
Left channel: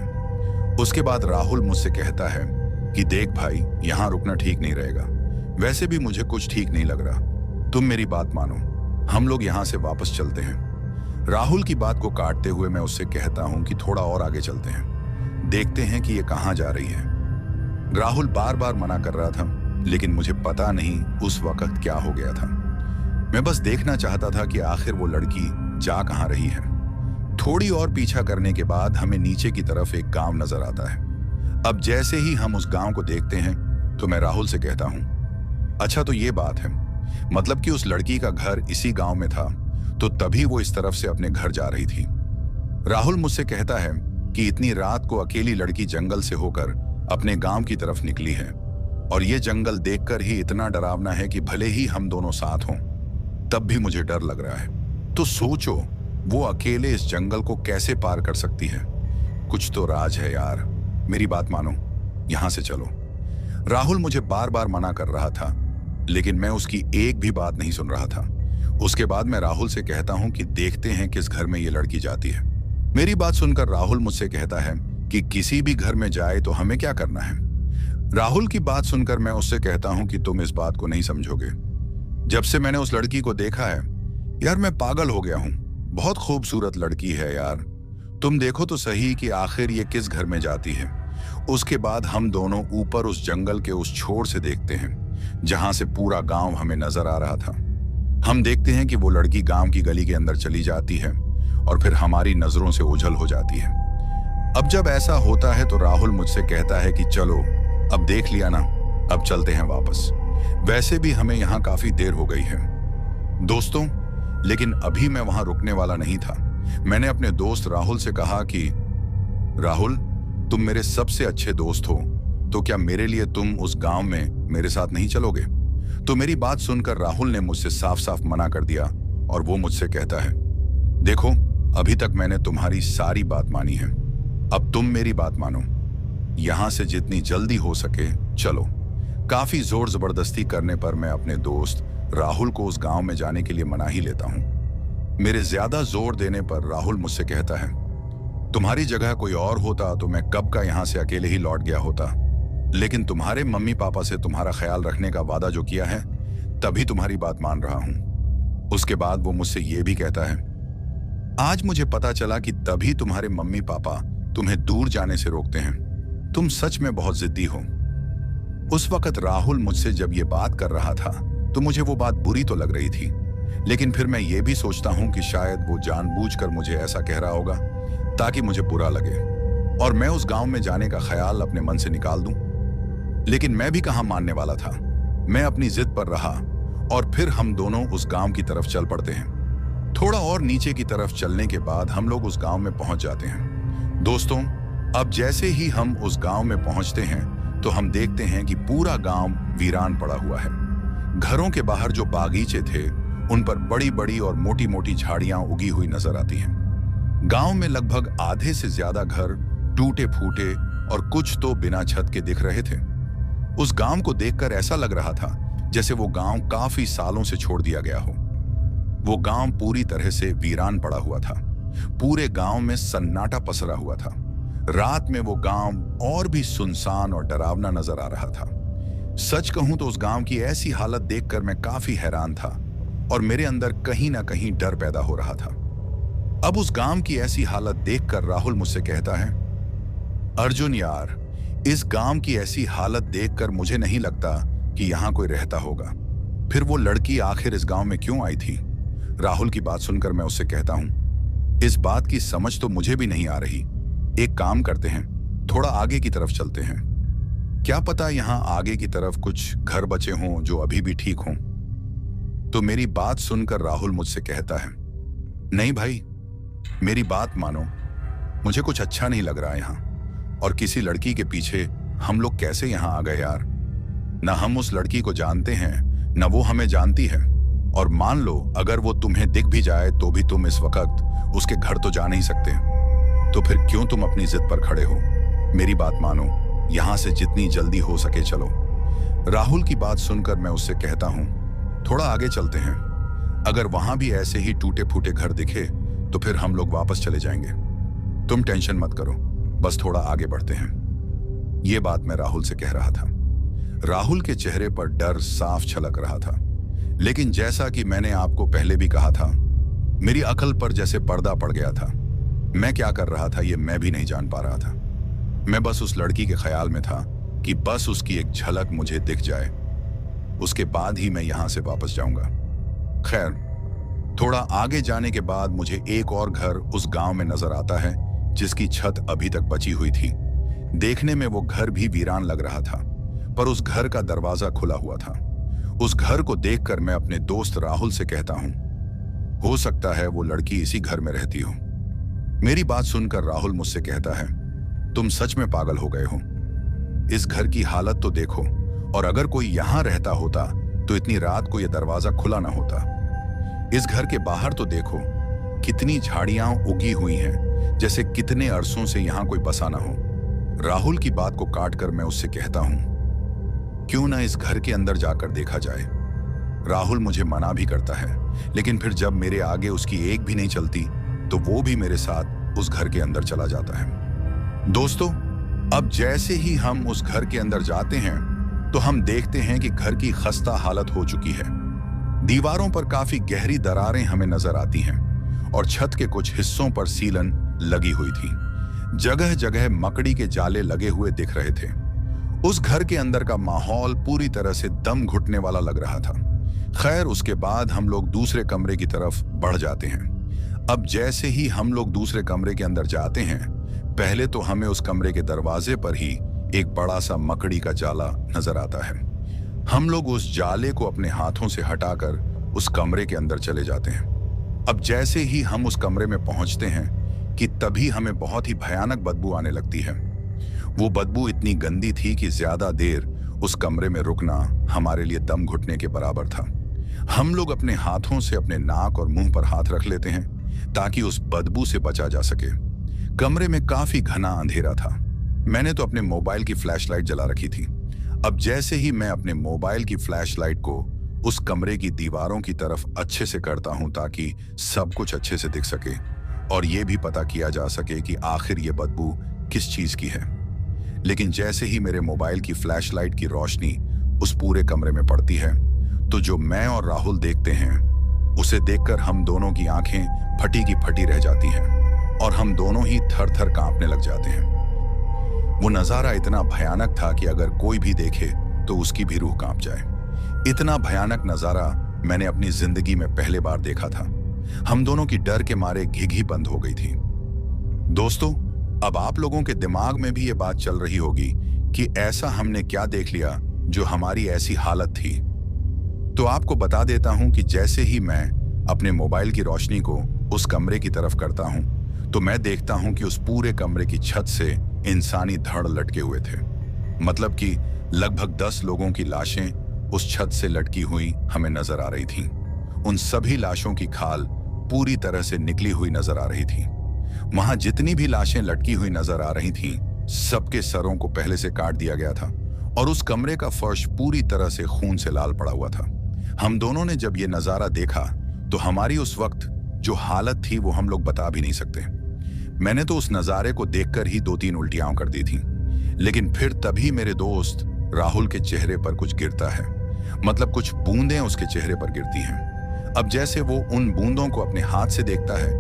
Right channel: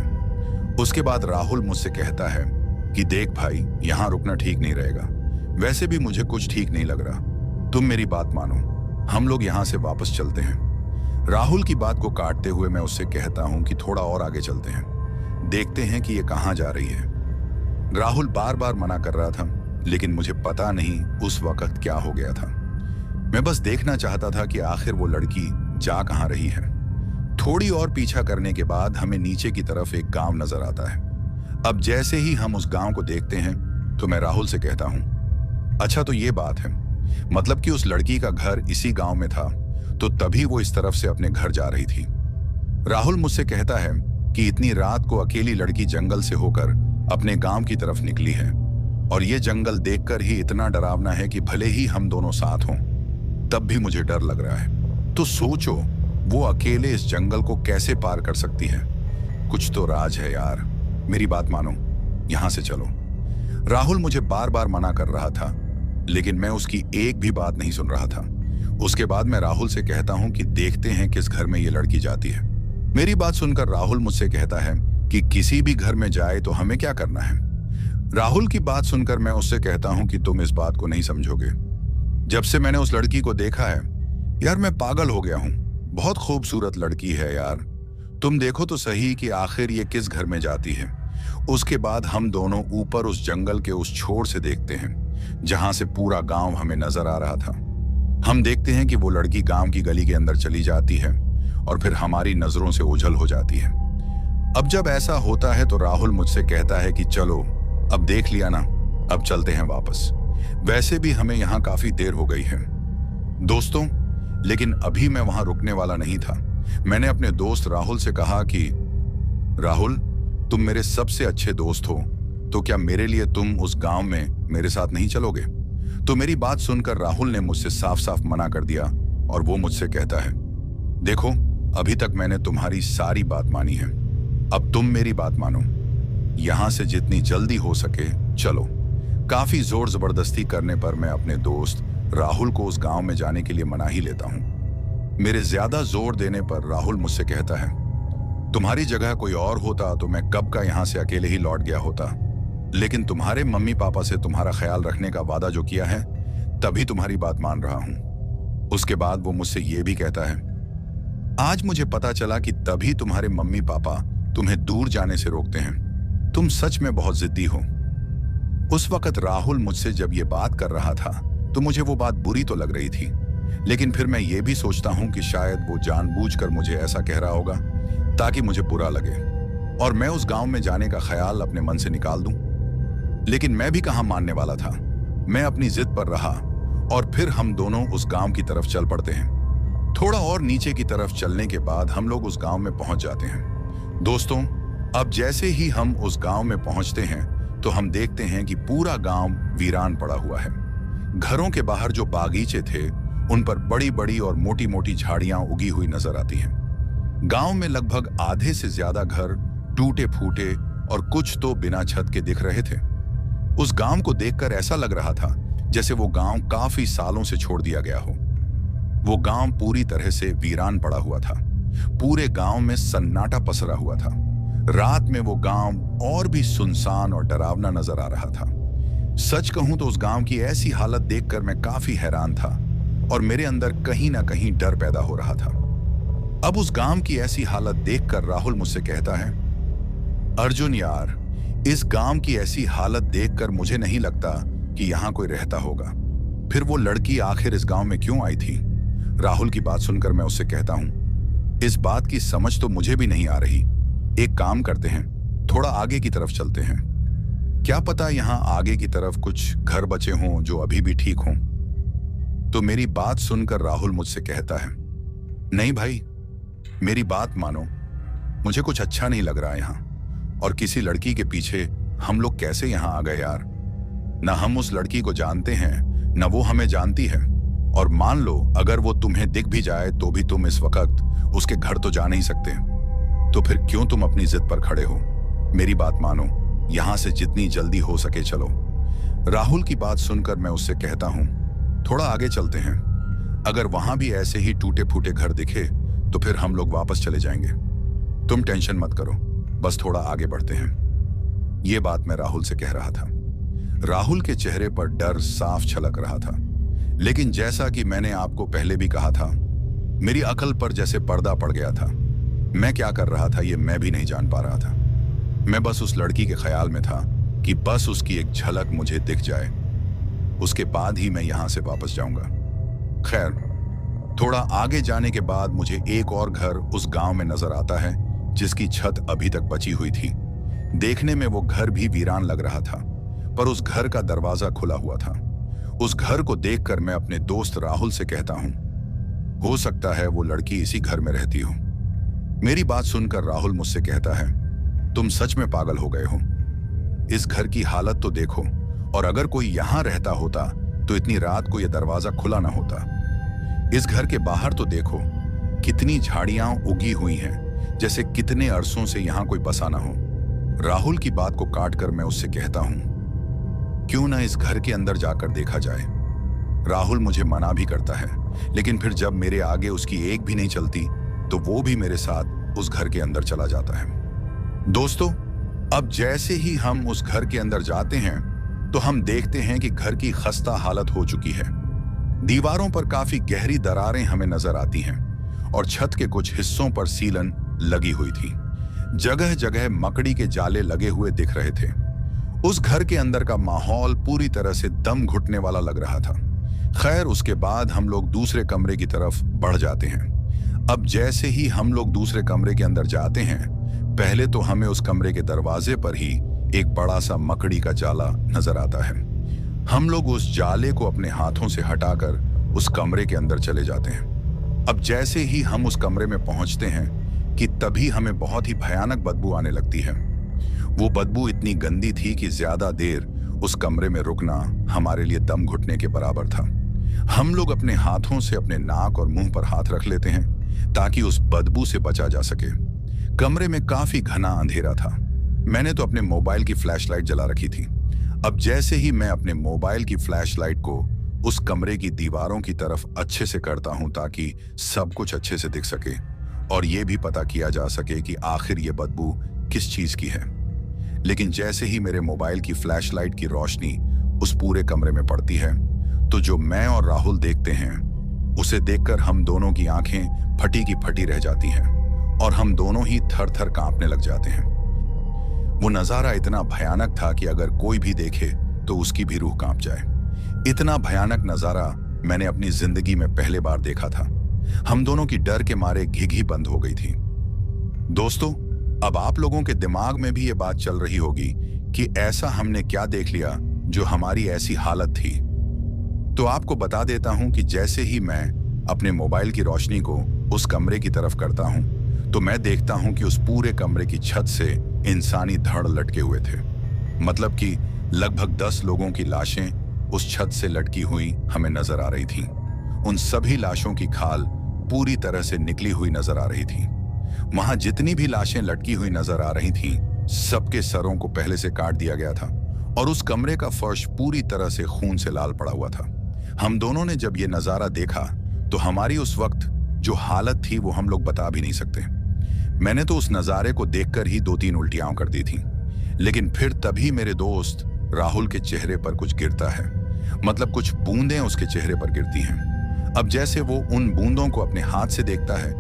उसके बाद राहुल मुझसे कहता है कि देख भाई, यहां रुकना ठीक नहीं रहेगा। वैसे भी मुझे कुछ ठीक नहीं लग रहा, तुम मेरी बात मानो, हम लोग यहां से वापस चलते हैं। राहुल की बात को काटते हुए मैं उससे कहता हूं कि थोड़ा और आगे चलते हैं, देखते हैं कि ये कहां जा रही है। राहुल बार बार मना कर रहा था, लेकिन मुझे पता नहीं उस वक्त क्या हो गया था। मैं बस देखना चाहता था कि आखिर वो लड़की जा कहां रही है। थोड़ी और पीछा करने के बाद हमें नीचे की तरफ एक गांव नजर आता है। अब जैसे ही हम उस गांव को देखते हैं तो मैं राहुल से कहता हूं, अच्छा तो ये बात है, मतलब कि उस लड़की का घर इसी गांव में था, तो तभी वो इस तरफ से अपने घर जा रही थी। राहुल मुझसे कहता है कि इतनी रात को अकेली लड़की जंगल से होकर अपने गांव की तरफ निकली है और ये जंगल देखकर ही इतना डरावना है कि भले ही हम दोनों साथ हों तब भी मुझे डर लग रहा है। तो सोचो वो अकेले इस जंगल को कैसे पार कर सकती है? कुछ तो राज है यार, मेरी बात मानो, यहां से चलो। राहुल मुझे बार बार मना कर रहा था, लेकिन मैं उसकी एक भी बात नहीं सुन रहा था। उसके बाद मैं राहुल से कहता हूं कि देखते हैं किस घर में ये लड़की जाती है। मेरी बात सुनकर राहुल मुझसे कहता है कि किसी भी घर में जाए तो हमें क्या करना है। राहुल की बात सुनकर मैं उससे कहता हूं कि तुम इस बात को नहीं समझोगे। जब से मैंने उस लड़की को देखा है यार, मैं पागल हो गया हूं। बहुत खूबसूरत लड़की है यार, तुम देखो तो सही कि आखिर ये किस घर में जाती है। उसके बाद हम दोनों ऊपर उस जंगल के उस छोर से देखते हैं जहां से पूरा गांव हमें नजर आ रहा था। हम देखते हैं कि वो लड़की गांव की गली के अंदर चली जाती है और फिर हमारी नजरों से ओझल हो जाती है। अब जब ऐसा होता है तो राहुल मुझसे कहता है कि चलो, अब देख लिया ना, अब चलते हैं वापस। वैसे भी हमें यहाँ काफी देर हो गई है दोस्तों, लेकिन अभी मैं वहां रुकने वाला नहीं था। मैंने अपने दोस्त राहुल से कहा कि राहुल, तुम मेरे सबसे अच्छे दोस्त हो, तो क्या मेरे लिए तुम उस गांव में मेरे साथ नहीं चलोगे? तो मेरी बात सुनकर राहुल ने मुझसे साफ साफ मना कर दिया और वो मुझसे कहता है, देखो अभी तक मैंने तुम्हारी सारी बात मानी है, अब तुम मेरी बात मानो, यहां से जितनी जल्दी हो सके चलो। काफी जोर जबरदस्ती करने पर मैं अपने दोस्त राहुल को उस गांव में जाने के लिए मना ही लेता हूं। मेरे ज्यादा जोर देने पर राहुल मुझसे कहता है, तुम्हारी जगह कोई और होता तो मैं कब का यहां से अकेले ही लौट गया होता, लेकिन तुम्हारे मम्मी पापा से तुम्हारा ख्याल रखने का वादा जो किया है, तभी तुम्हारी बात मान रहा हूं। उसके बाद वो मुझसे ये भी कहता है, आज मुझे पता चला कि तभी तुम्हारे मम्मी पापा तुम्हें दूर जाने से रोकते हैं, तुम सच में बहुत जिद्दी हो। उस वक्त राहुल मुझसे जब ये बात कर रहा था तो मुझे वो बात बुरी तो लग रही थी, लेकिन फिर मैं ये भी सोचता हूं कि शायद वो जानबूझकर मुझे ऐसा कह रहा होगा ताकि मुझे बुरा लगे और मैं उस गांव में जाने का ख्याल अपने मन से निकाल दूं। लेकिन मैं भी कहां मानने वाला था, मैं अपनी जिद पर रहा और फिर हम दोनों उस गांव की तरफ चल पड़ते हैं। थोड़ा और नीचे की तरफ चलने के बाद हम लोग उस गांव में पहुंच जाते हैं। दोस्तों, अब जैसे ही हम उस गांव में पहुंचते हैं तो हम देखते हैं कि पूरा गांव वीरान पड़ा हुआ है। घरों के बाहर जो बागीचे थे उन पर बड़ी बड़ी और मोटी मोटी झाड़ियां उगी हुई नजर आती हैं। गांव में लगभग आधे से ज्यादा घर टूटे फूटे और कुछ तो बिना छत के दिख रहे थे। उस गांव को देखकर ऐसा लग रहा था जैसे वो गांव काफी सालों से छोड़ दिया गया हो। वो गांव पूरी तरह से वीरान पड़ा हुआ था। पूरे गांव में सन्नाटा पसरा हुआ था। रात में वो गांव और भी सुनसान और डरावना नजर आ रहा था। सच कहूं तो उस गांव की ऐसी हालत देखकर मैं काफी हैरान था और मेरे अंदर कहीं ना कहीं डर पैदा हो रहा था। अब उस गांव की ऐसी हालत देखकर राहुल मुझसे कहता है, अर्जुन यार, इस गांव की ऐसी हालत देखकर मुझे नहीं लगता कि यहां कोई रहता होगा। फिर वो लड़की आखिर इस गांव में क्यों आई थी? राहुल की बात सुनकर मैं उससे कहता हूं, इस बात की समझ तो मुझे भी नहीं आ रही। एक काम करते हैं, थोड़ा आगे की तरफ चलते हैं। क्या पता यहां आगे की तरफ कुछ घर बचे हों जो अभी भी ठीक हों। तो मेरी बात सुनकर राहुल मुझसे कहता है, नहीं भाई, मेरी बात मानो, मुझे कुछ अच्छा नहीं लग रहा यहां। और किसी लड़की के पीछे हम लोग कैसे यहां आ गए यार? ना हम उस लड़की को जानते हैं, ना वो हमें जानती है। और मान लो अगर वो तुम्हें दिख भी जाए तो भी तुम इस वक्त उसके घर तो जा नहीं सकते। तो फिर क्यों तुम अपनी जिद पर खड़े हो? मेरी बात मानो, यहां से जितनी जल्दी हो सके चलो। राहुल की बात सुनकर मैं उससे कहता हूं, थोड़ा आगे चलते हैं। अगर वहां भी ऐसे ही टूटे फूटे घर दिखे तो फिर हम लोग वापस चले जाएंगे। तुम टेंशन मत करो, बस थोड़ा आगे बढ़ते हैं। यह बात मैं राहुल से कह रहा था। राहुल के चेहरे पर डर साफ झलक रहा था, लेकिन जैसा कि मैंने आपको पहले भी कहा था, मेरी अकल पर जैसे पर्दा पड़ गया था। मैं क्या कर रहा था ये मैं भी नहीं जान पा रहा था। मैं बस उस लड़की के ख्याल में था कि बस उसकी एक झलक मुझे दिख जाए, उसके बाद ही मैं यहां से वापस जाऊंगा। खैर, थोड़ा आगे जाने के बाद मुझे एक और घर उस गांव में नजर आता है जिसकी छत अभी तक बची हुई थी। देखने में वो घर भी वीरान लग रहा था, पर उस घर का दरवाजा खुला हुआ था। उस घर को देखकर मैं अपने दोस्त राहुल से कहता हूं, हो सकता है वो लड़की इसी घर में रहती हो। मेरी बात सुनकर राहुल मुझसे कहता है, तुम सच में पागल हो गए हो। इस घर की हालत तो देखो, और अगर कोई यहां रहता होता तो इतनी रात को यह दरवाजा खुला ना होता। इस घर के बाहर तो देखो, कितनी झाड़ियां उगी हुई हैं, जैसे कितने अरसों से यहां कोई बसा ना हो। राहुल की बात को काटकर मैं उससे कहता हूं, क्यों ना इस घर के अंदर जाकर देखा जाए। राहुल मुझे मना भी करता है, लेकिन फिर जब मेरे आगे उसकी एक भी नहीं चलती तो वो भी मेरे साथ उस घर के अंदर चला जाता है। दोस्तों, अब जैसे ही हम उस घर के अंदर जाते हैं तो हम देखते हैं कि घर की खस्ता हालत हो चुकी है। दीवारों पर काफी गहरी दरारें हमें नजर आती हैं और छत के कुछ हिस्सों पर सीलन लगी हुई थी। जगह जगह मकड़ी के जाले लगे हुए दिख रहे थे। उस घर के अंदर का माहौल पूरी तरह से दम घुटने वाला लग रहा था। खैर, उसके बाद हम लोग दूसरे कमरे की तरफ बढ़ जाते हैं। अब जैसे ही हम लोग दूसरे कमरे के अंदर जाते हैं, पहले तो हमें उस कमरे के दरवाजे पर ही एक बड़ा सा मकड़ी का जाला नजर आता है। हम लोग उस जाले को अपने हाथों से हटाकर उस कमरे के अंदर चले जाते हैं। अब जैसे ही हम उस कमरे में पहुंचते हैं कि तभी हमें बहुत ही भयानक बदबू आने लगती है। वो बदबू इतनी गंदी थी कि ज्यादा देर उस कमरे में रुकना हमारे लिए दम घुटने के बराबर था। हम लोग अपने हाथों से अपने नाक और मुंह पर हाथ रख लेते हैं ताकि उस बदबू से बचा जा सके। कमरे में काफी घना अंधेरा था। मैंने तो अपने मोबाइल की फ्लैशलाइट जला रखी थी। अब जैसे ही मैं अपने मोबाइल की फ्लैशलाइट को उस कमरे की दीवारों की तरफ अच्छे से करता हूं ताकि सब कुछ अच्छे से दिख सके और यह भी पता किया जा सके कि आखिर ये बदबू किस चीज की है। लेकिन जैसे ही मेरे मोबाइल की फ्लैशलाइट की रोशनी उस पूरे कमरे में पड़ती है तो जो मैं और राहुल देखते हैं उसे देखकर हम दोनों की आंखें फटी की फटी रह जाती हैं और हम दोनों ही थर थर कांपने लग जाते हैं। वो नजारा इतना भयानक था कि अगर कोई भी देखे तो उसकी भी रूह कांप जाए। इतना भयानक नजारा मैंने अपनी जिंदगी में पहले बार देखा था। हम दोनों की डर के मारे घिघी बंद हो गई थी। दोस्तों, अब आप लोगों के दिमाग में भी ये बात चल रही होगी कि ऐसा हमने क्या देख लिया जो हमारी ऐसी हालत थी। तो आपको बता देता हूं कि जैसे ही मैं अपने मोबाइल की रोशनी को उस कमरे की तरफ करता हूं तो मैं देखता हूं कि उस पूरे कमरे की छत से इंसानी धड़ लटके हुए थे। मतलब कि लगभग 10 लोगों की लाशें उस छत से लटकी हुई हमें नजर आ रही थीं। उन सभी लाशों की खाल पूरी तरह से निकली हुई नजर आ रही थी। वहां जितनी भी लाशें लटकी हुई नजर आ रही थीं, सबके सरों को पहले से काट दिया गया था और उस कमरे का फर्श पूरी तरह से खून से लाल पड़ा हुआ था। हम दोनों ने जब ये नजारा देखा तो हमारी उस वक्त जो हालत थी वो हम लोग बता भी नहीं सकते। मैंने तो उस नज़ारे को देखकर ही 2-3 उल्टियां कर दी थी। लेकिन फिर तभी मेरे दोस्त राहुल के चेहरे पर कुछ गिरता है, मतलब कुछ बूंदें उसके चेहरे पर गिरती हैं। अब जैसे वो उन बूंदों को अपने हाथ से देखता है,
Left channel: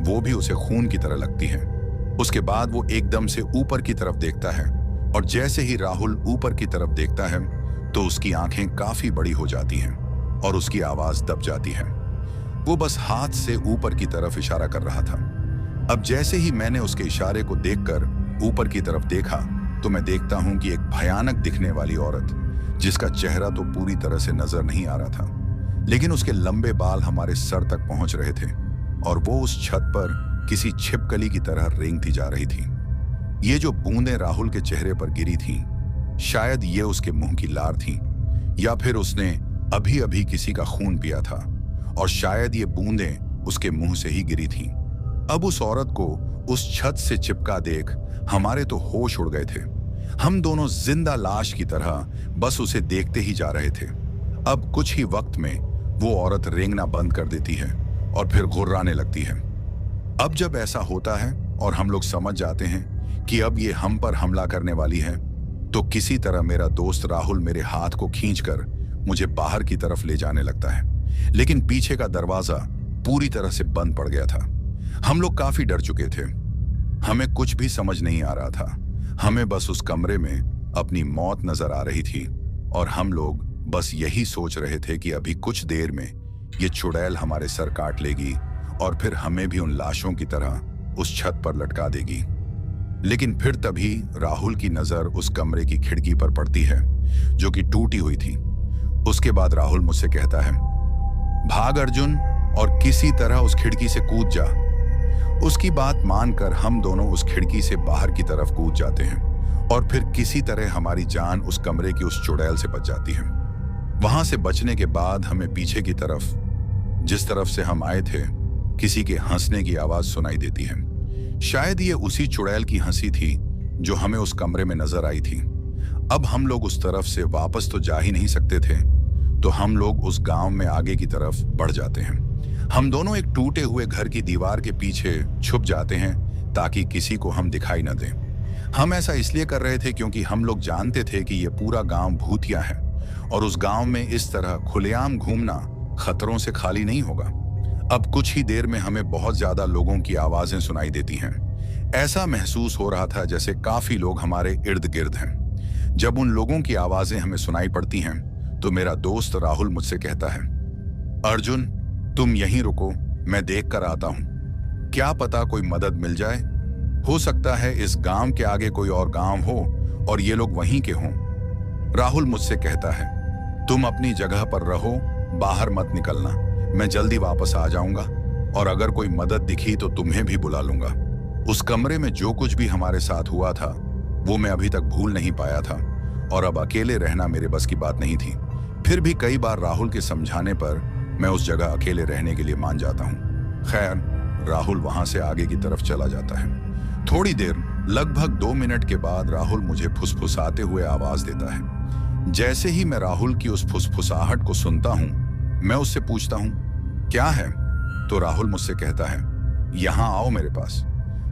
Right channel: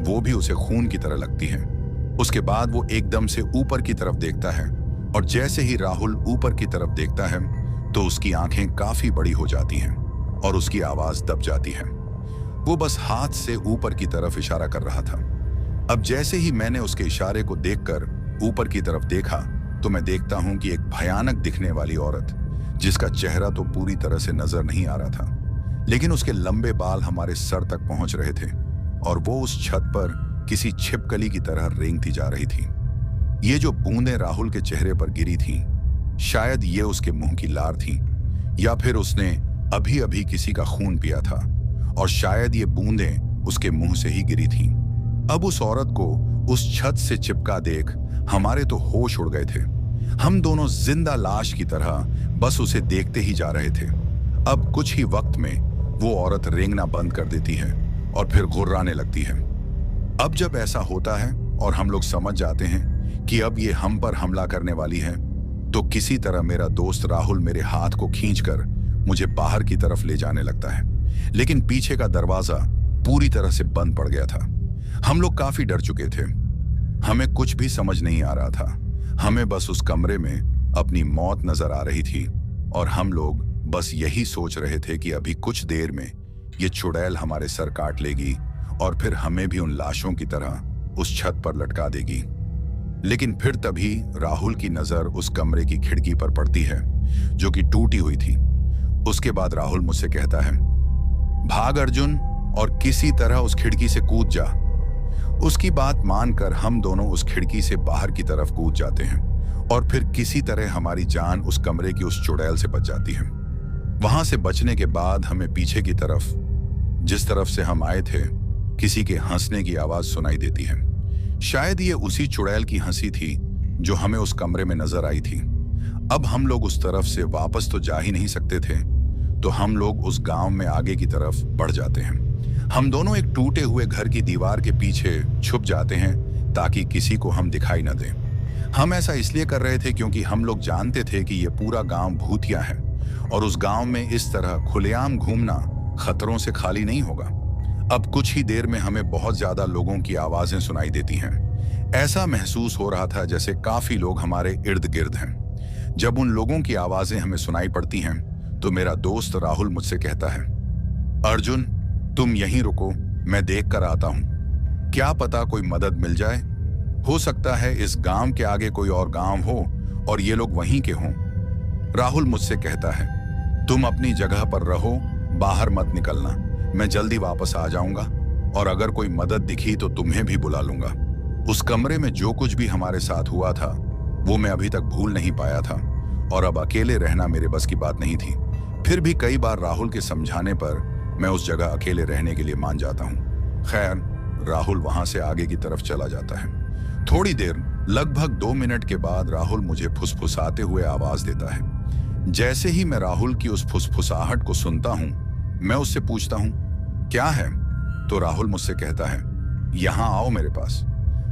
वो भी उसे खून की तरह लगती है। उसके बाद वो एकदम से ऊपर की तरफ देखता है, और जैसे ही राहुल ऊपर की तरफ देखता है तो उसकी आंखें काफी बड़ी हो जाती हैं और उसकी आवाज दब जाती है। वो बस हाथ से ऊपर की तरफ इशारा कर रहा था। अब जैसे ही मैंने उसके इशारे को देखकर ऊपर की तरफ देखा तो मैं देखता हूं कि एक भयानक दिखने वाली औरत, जिसका चेहरा तो पूरी तरह से नजर नहीं आ रहा था, लेकिन उसके लंबे बाल हमारे सर तक पहुंच रहे थे और वो उस छत पर किसी छिपकली की तरह रेंगती जा रही थी। ये जो बूंदें राहुल के चेहरे पर गिरी थीं, शायद ये उसके मुंह की लार थी, या फिर उसने अभी अभी किसी का खून पिया था, और शायद ये बूंदें उसके मुंह से ही गिरी थीं। अब उस औरत को उस छत से चिपका देख हमारे तो होश उड़ गए थे। हम दोनों जिंदा लाश की तरह बस उसे देखते ही जा रहे थे। अब कुछ ही वक्त में वो औरत रेंगना बंद कर देती है और फिर गुर्राने लगती है। अब जब ऐसा होता है और हम लोग समझ जाते हैं कि अब ये हम पर हमला करने वाली है, तो किसी तरह मेरा दोस्त राहुल मेरे हाथ को खींचकर मुझे बाहर की तरफ ले जाने लगता है, लेकिन पीछे का दरवाजा पूरी तरह से बंद पड़ गया था। हम लोग काफी डर चुके थे। हमें कुछ भी समझ नहीं आ रहा था। हमें बस उस कमरे में अपनी मौत नजर आ रही थी और हम लोग बस यही सोच रहे थे कि अभी कुछ देर में ये चुड़ैल हमारे सर काट लेगी और फिर हमें भी उन लाशों की तरह उस छत पर लटका देगी। लेकिन फिर तभी राहुल की नजर उस कमरे की खिड़की पर पड़ती है, जो कि टूटी हुई थी। उसके बाद राहुल मुझसे कहता है, भाग अर्जुन और किसी तरह उस खिड़की से कूद जा। उसकी बात मानकर हम दोनों उस खिड़की से बाहर की तरफ कूद जाते हैं और फिर किसी तरह हमारी जान उस कमरे की उस चुड़ैल से बच जाती है। वहां से बचने के बाद हमें पीछे की तरफ, जिस तरफ से हम आए थे, किसी के हंसने की आवाज सुनाई देती है। शायद ये उसी चुड़ैल की हंसी थी जो हमें उस कमरे में नजर आई थी। अब हम लोग उस तरफ से वापस तो जा ही नहीं सकते थे, तो हम लोग उस गांव में आगे की तरफ बढ़ जाते हैं। हम दोनों एक टूटे हुए घर की दीवार के पीछे छुप जाते हैं ताकि किसी को हम दिखाई न दें। हम ऐसा इसलिए कर रहे थे क्योंकि हम लोग जानते थे कि ये पूरा गांव भूतिया है और उस गांव में इस तरह खुलेआम घूमना खतरों से खाली नहीं होगा। अब कुछ ही देर में हमें बहुत ज्यादा लोगों की आवाजें सुनाई देती हैं। ऐसा महसूस हो रहा था जैसे काफी लोग हमारे इर्द गिर्द हैं। जब उन लोगों की आवाजें हमें सुनाई पड़ती हैं तो मेरा दोस्त राहुल मुझसे कहता है, अर्जुन तुम यहीं रुको, मैं देख कर आता हूं। क्या पता कोई मदद मिल जाए। हो सकता है इस गांव के आगे कोई और गांव हो और ये लोग वहीं के हों। राहुल मुझसे कहता है, तुम अपनी जगह पर रहो, बाहर मत निकलना। मैं जल्दी वापस आ जाऊंगा और अगर कोई मदद दिखी तो तुम्हें भी बुला लूंगा। उस कमरे में जो कुछ भी हमारे साथ हुआ था वो मैं अभी तक भूल नहीं पाया था और अब अकेले रहना मेरे बस की बात नहीं थी। फिर भी कई बार राहुल के समझाने पर मैं उस जगह अकेले रहने के लिए मान जाता हूँ। खैर, राहुल वहां से आगे की तरफ चला जाता है। थोड़ी देर, लगभग 2 मिनट के बाद राहुल मुझे फुसफुसाते हुए आवाज देता है। जैसे ही मैं राहुल की उस फुसफुसाहट को सुनता हूँ, मैं उससे पूछता हूँ, क्या है? तो राहुल मुझसे कहता है, यहाँ आओ मेरे पास।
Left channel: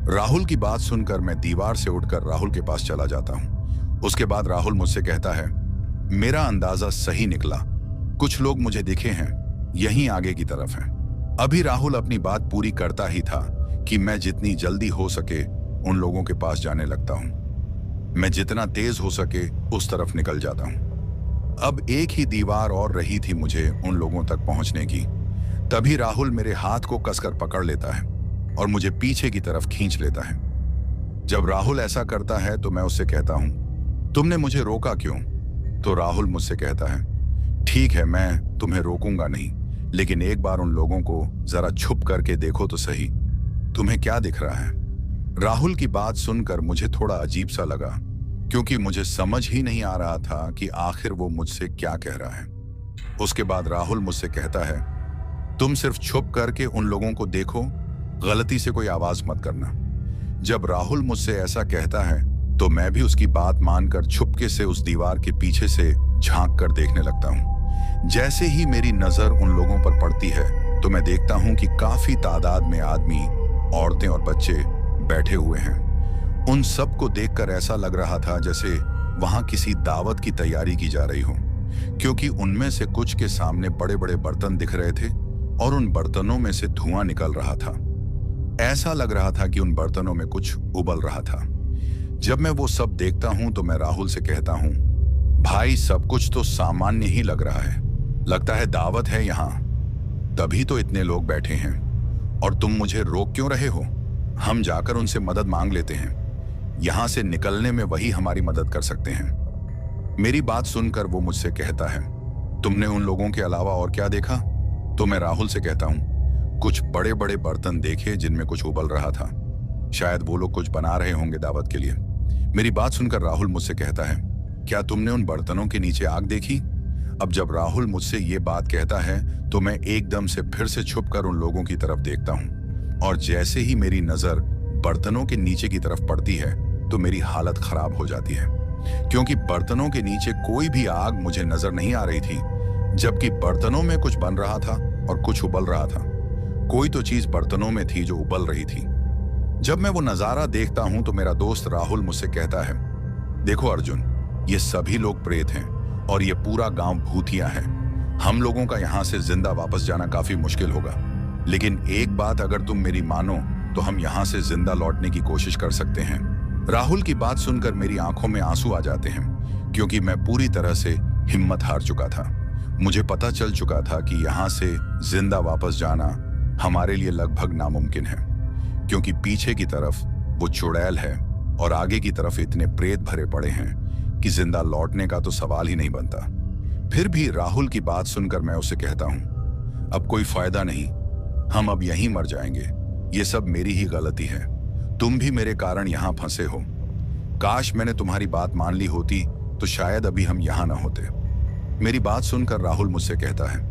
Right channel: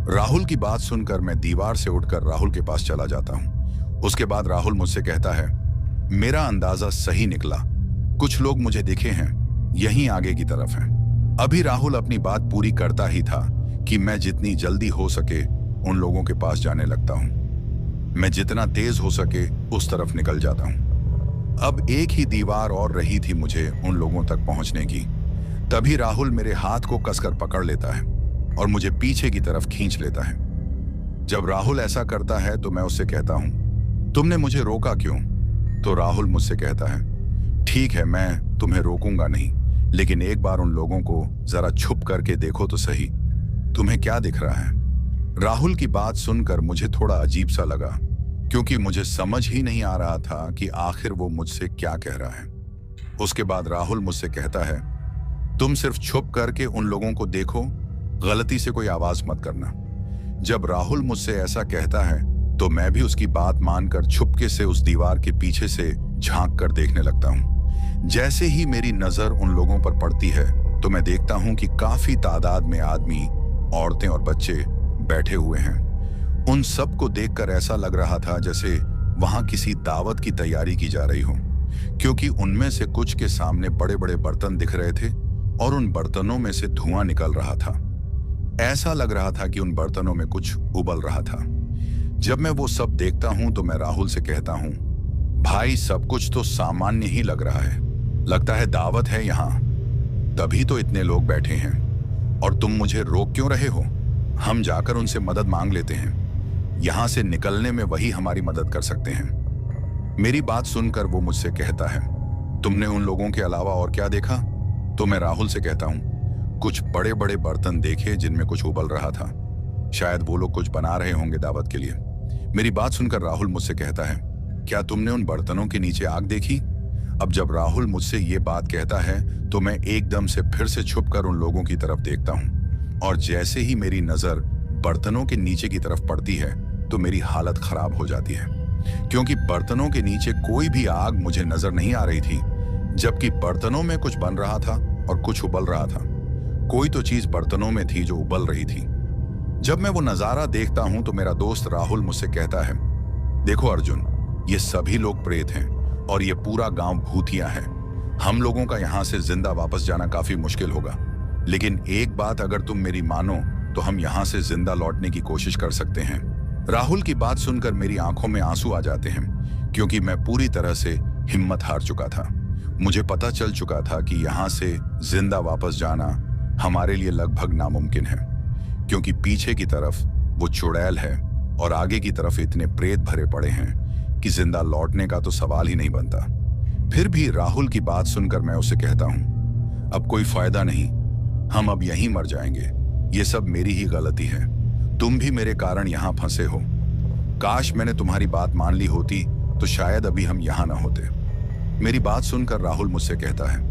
राहुल की बात सुनकर मैं दीवार से उठकर राहुल के पास चला जाता हूँ। उसके बाद राहुल मुझसे कहता है, मेरा अंदाजा सही निकला, कुछ लोग मुझे दिखे हैं, यहीं आगे की तरफ हैं। अभी राहुल अपनी बात पूरी करता ही था कि मैं जितनी जल्दी हो सके उन लोगों के पास जाने लगता हूँ। मैं जितना तेज हो सके उस तरफ निकल जाता हूँ। अब एक ही दीवार और रही थी मुझे उन लोगों तक पहुंचने की। तभी राहुल मेरे हाथ को कसकर पकड़ लेता है और मुझे पीछे की तरफ खींच लेता है। जब राहुल ऐसा करता है तो मैं उससे कहता हूं, तुमने मुझे रोका क्यों? तो राहुल मुझसे कहता है, ठीक है, मैं तुम्हें रोकूंगा नहीं, लेकिन एक बार उन लोगों को जरा छुप करके देखो तो सही, तुम्हें क्या दिख रहा है? राहुल की बात सुनकर मुझे थोड़ा अजीब सा लगा, क्योंकि मुझे समझ ही नहीं आ रहा था कि आखिर वो मुझसे क्या कह रहा है। उसके बाद राहुल मुझसे कहता है, तुम सिर्फ छुप करके उन लोगों को देखो, गलती से कोई आवाज मत करना। जब राहुल मुझसे ऐसा कहता है तो मैं भी उसकी बात मानकर छुपके से उस दीवार के पीछे से झांक कर देखने लगता हूँ। जैसे ही मेरी नजर उन लोगों पर पड़ती है तो मैं देखता हूं कि काफी तादाद में आदमी, औरतें और बच्चे बैठे हुए हैं। उन सबको देखकर ऐसा लग रहा था जैसे वहां किसी दावत की तैयारी की जा रही हो, क्योंकि उनमें से कुछ के सामने बड़े बड़े बर्तन दिख रहे थे और उन बर्तनों में से धुआं निकल रहा था। ऐसा लग रहा था कि उन बर्तनों में कुछ उबल रहा था। जब मैं वो सब देखता हूं तो मैं राहुल से कहता हूं, भाई सब कुछ तो सामान्य ही लग रहा है, लगता है दावत है यहाँ, तभी तो इतने लोग बैठे हैं और तुम मुझे रोक क्यों रहे हो? हम जाकर उनसे मदद मांग लेते हैं, यहां से निकलने में वही हमारी मदद कर सकते हैं। मेरी बात सुनकर वो मुझसे कहता है, तुमने उन लोगों के अलावा और क्या देखा? तो मैं राहुल से कहता हूं, कुछ बड़े बड़े बर्तन देखे जिनमें कुछ उबल रहा था, शायद वो लोग कुछ बना रहे होंगे दावत के लिए। मेरी बात सुनकर राहुल मुझसे कहता है, क्या तुमने उन बर्तनों के नीचे आग देखी? अब जब राहुल मुझसे ये बात कहता है तो मैं एकदम से फिर से छुपकर उन लोगों की तरफ देखता हूं और जैसे ही मेरी नजर बर्तनों के नीचे की तरफ पड़ती है तो मेरी हालत खराब हो जाती है, क्योंकि बर्तनों के नीचे कोई भी आग मुझे नजर नहीं आ रही थी, जबकि बर्तनों में कुछ बन रहा था और कुछ उबल रहा था। कोई तो चीज बर्तनों में थी जो उबल रही थी। जब मैं वो नजारा देखता हूं तो मेरा दोस्त राहुल मुझसे कहता है, देखो अर्जुन, ये सभी लोग प्रेत हैं और ये पूरा गांव भूतिया है। हम लोगों का यहां से जिंदा वापस जाना काफी मुश्किल होगा, लेकिन एक बात अगर तुम मेरी मानो तो हम यहां से जिंदा लौटने की कोशिश कर सकते हैं। राहुल की बात सुनकर मेरी आंखों में आंसू आ जाते हैं, क्योंकि मैं पूरी तरह से हिम्मत हार चुका था। मुझे पता चल चुका था कि यहां से जिंदा वापस जाना हमारे लिए लगभग नामुमकिन है, क्योंकि पीछे की तरफ वो चुड़ैल है और आगे की तरफ इतने प्रेत भरे पड़े हैं कि जिंदा लौटने का तो सवाल ही नहीं बनता। फिर भी राहुल की बात सुनकर मैं उसे कहता हूं, अब कोई फायदा नहीं, हम अब यहीं मर जाएंगे। ये सब मेरी ही गलती है, तुम भी मेरे कारण यहां फंसे हो। काश मैंने तुम्हारी बात मान ली होती तो शायद अभी हम यहां ना होते। मेरी बात सुनकर राहुल मुझसे कहता है,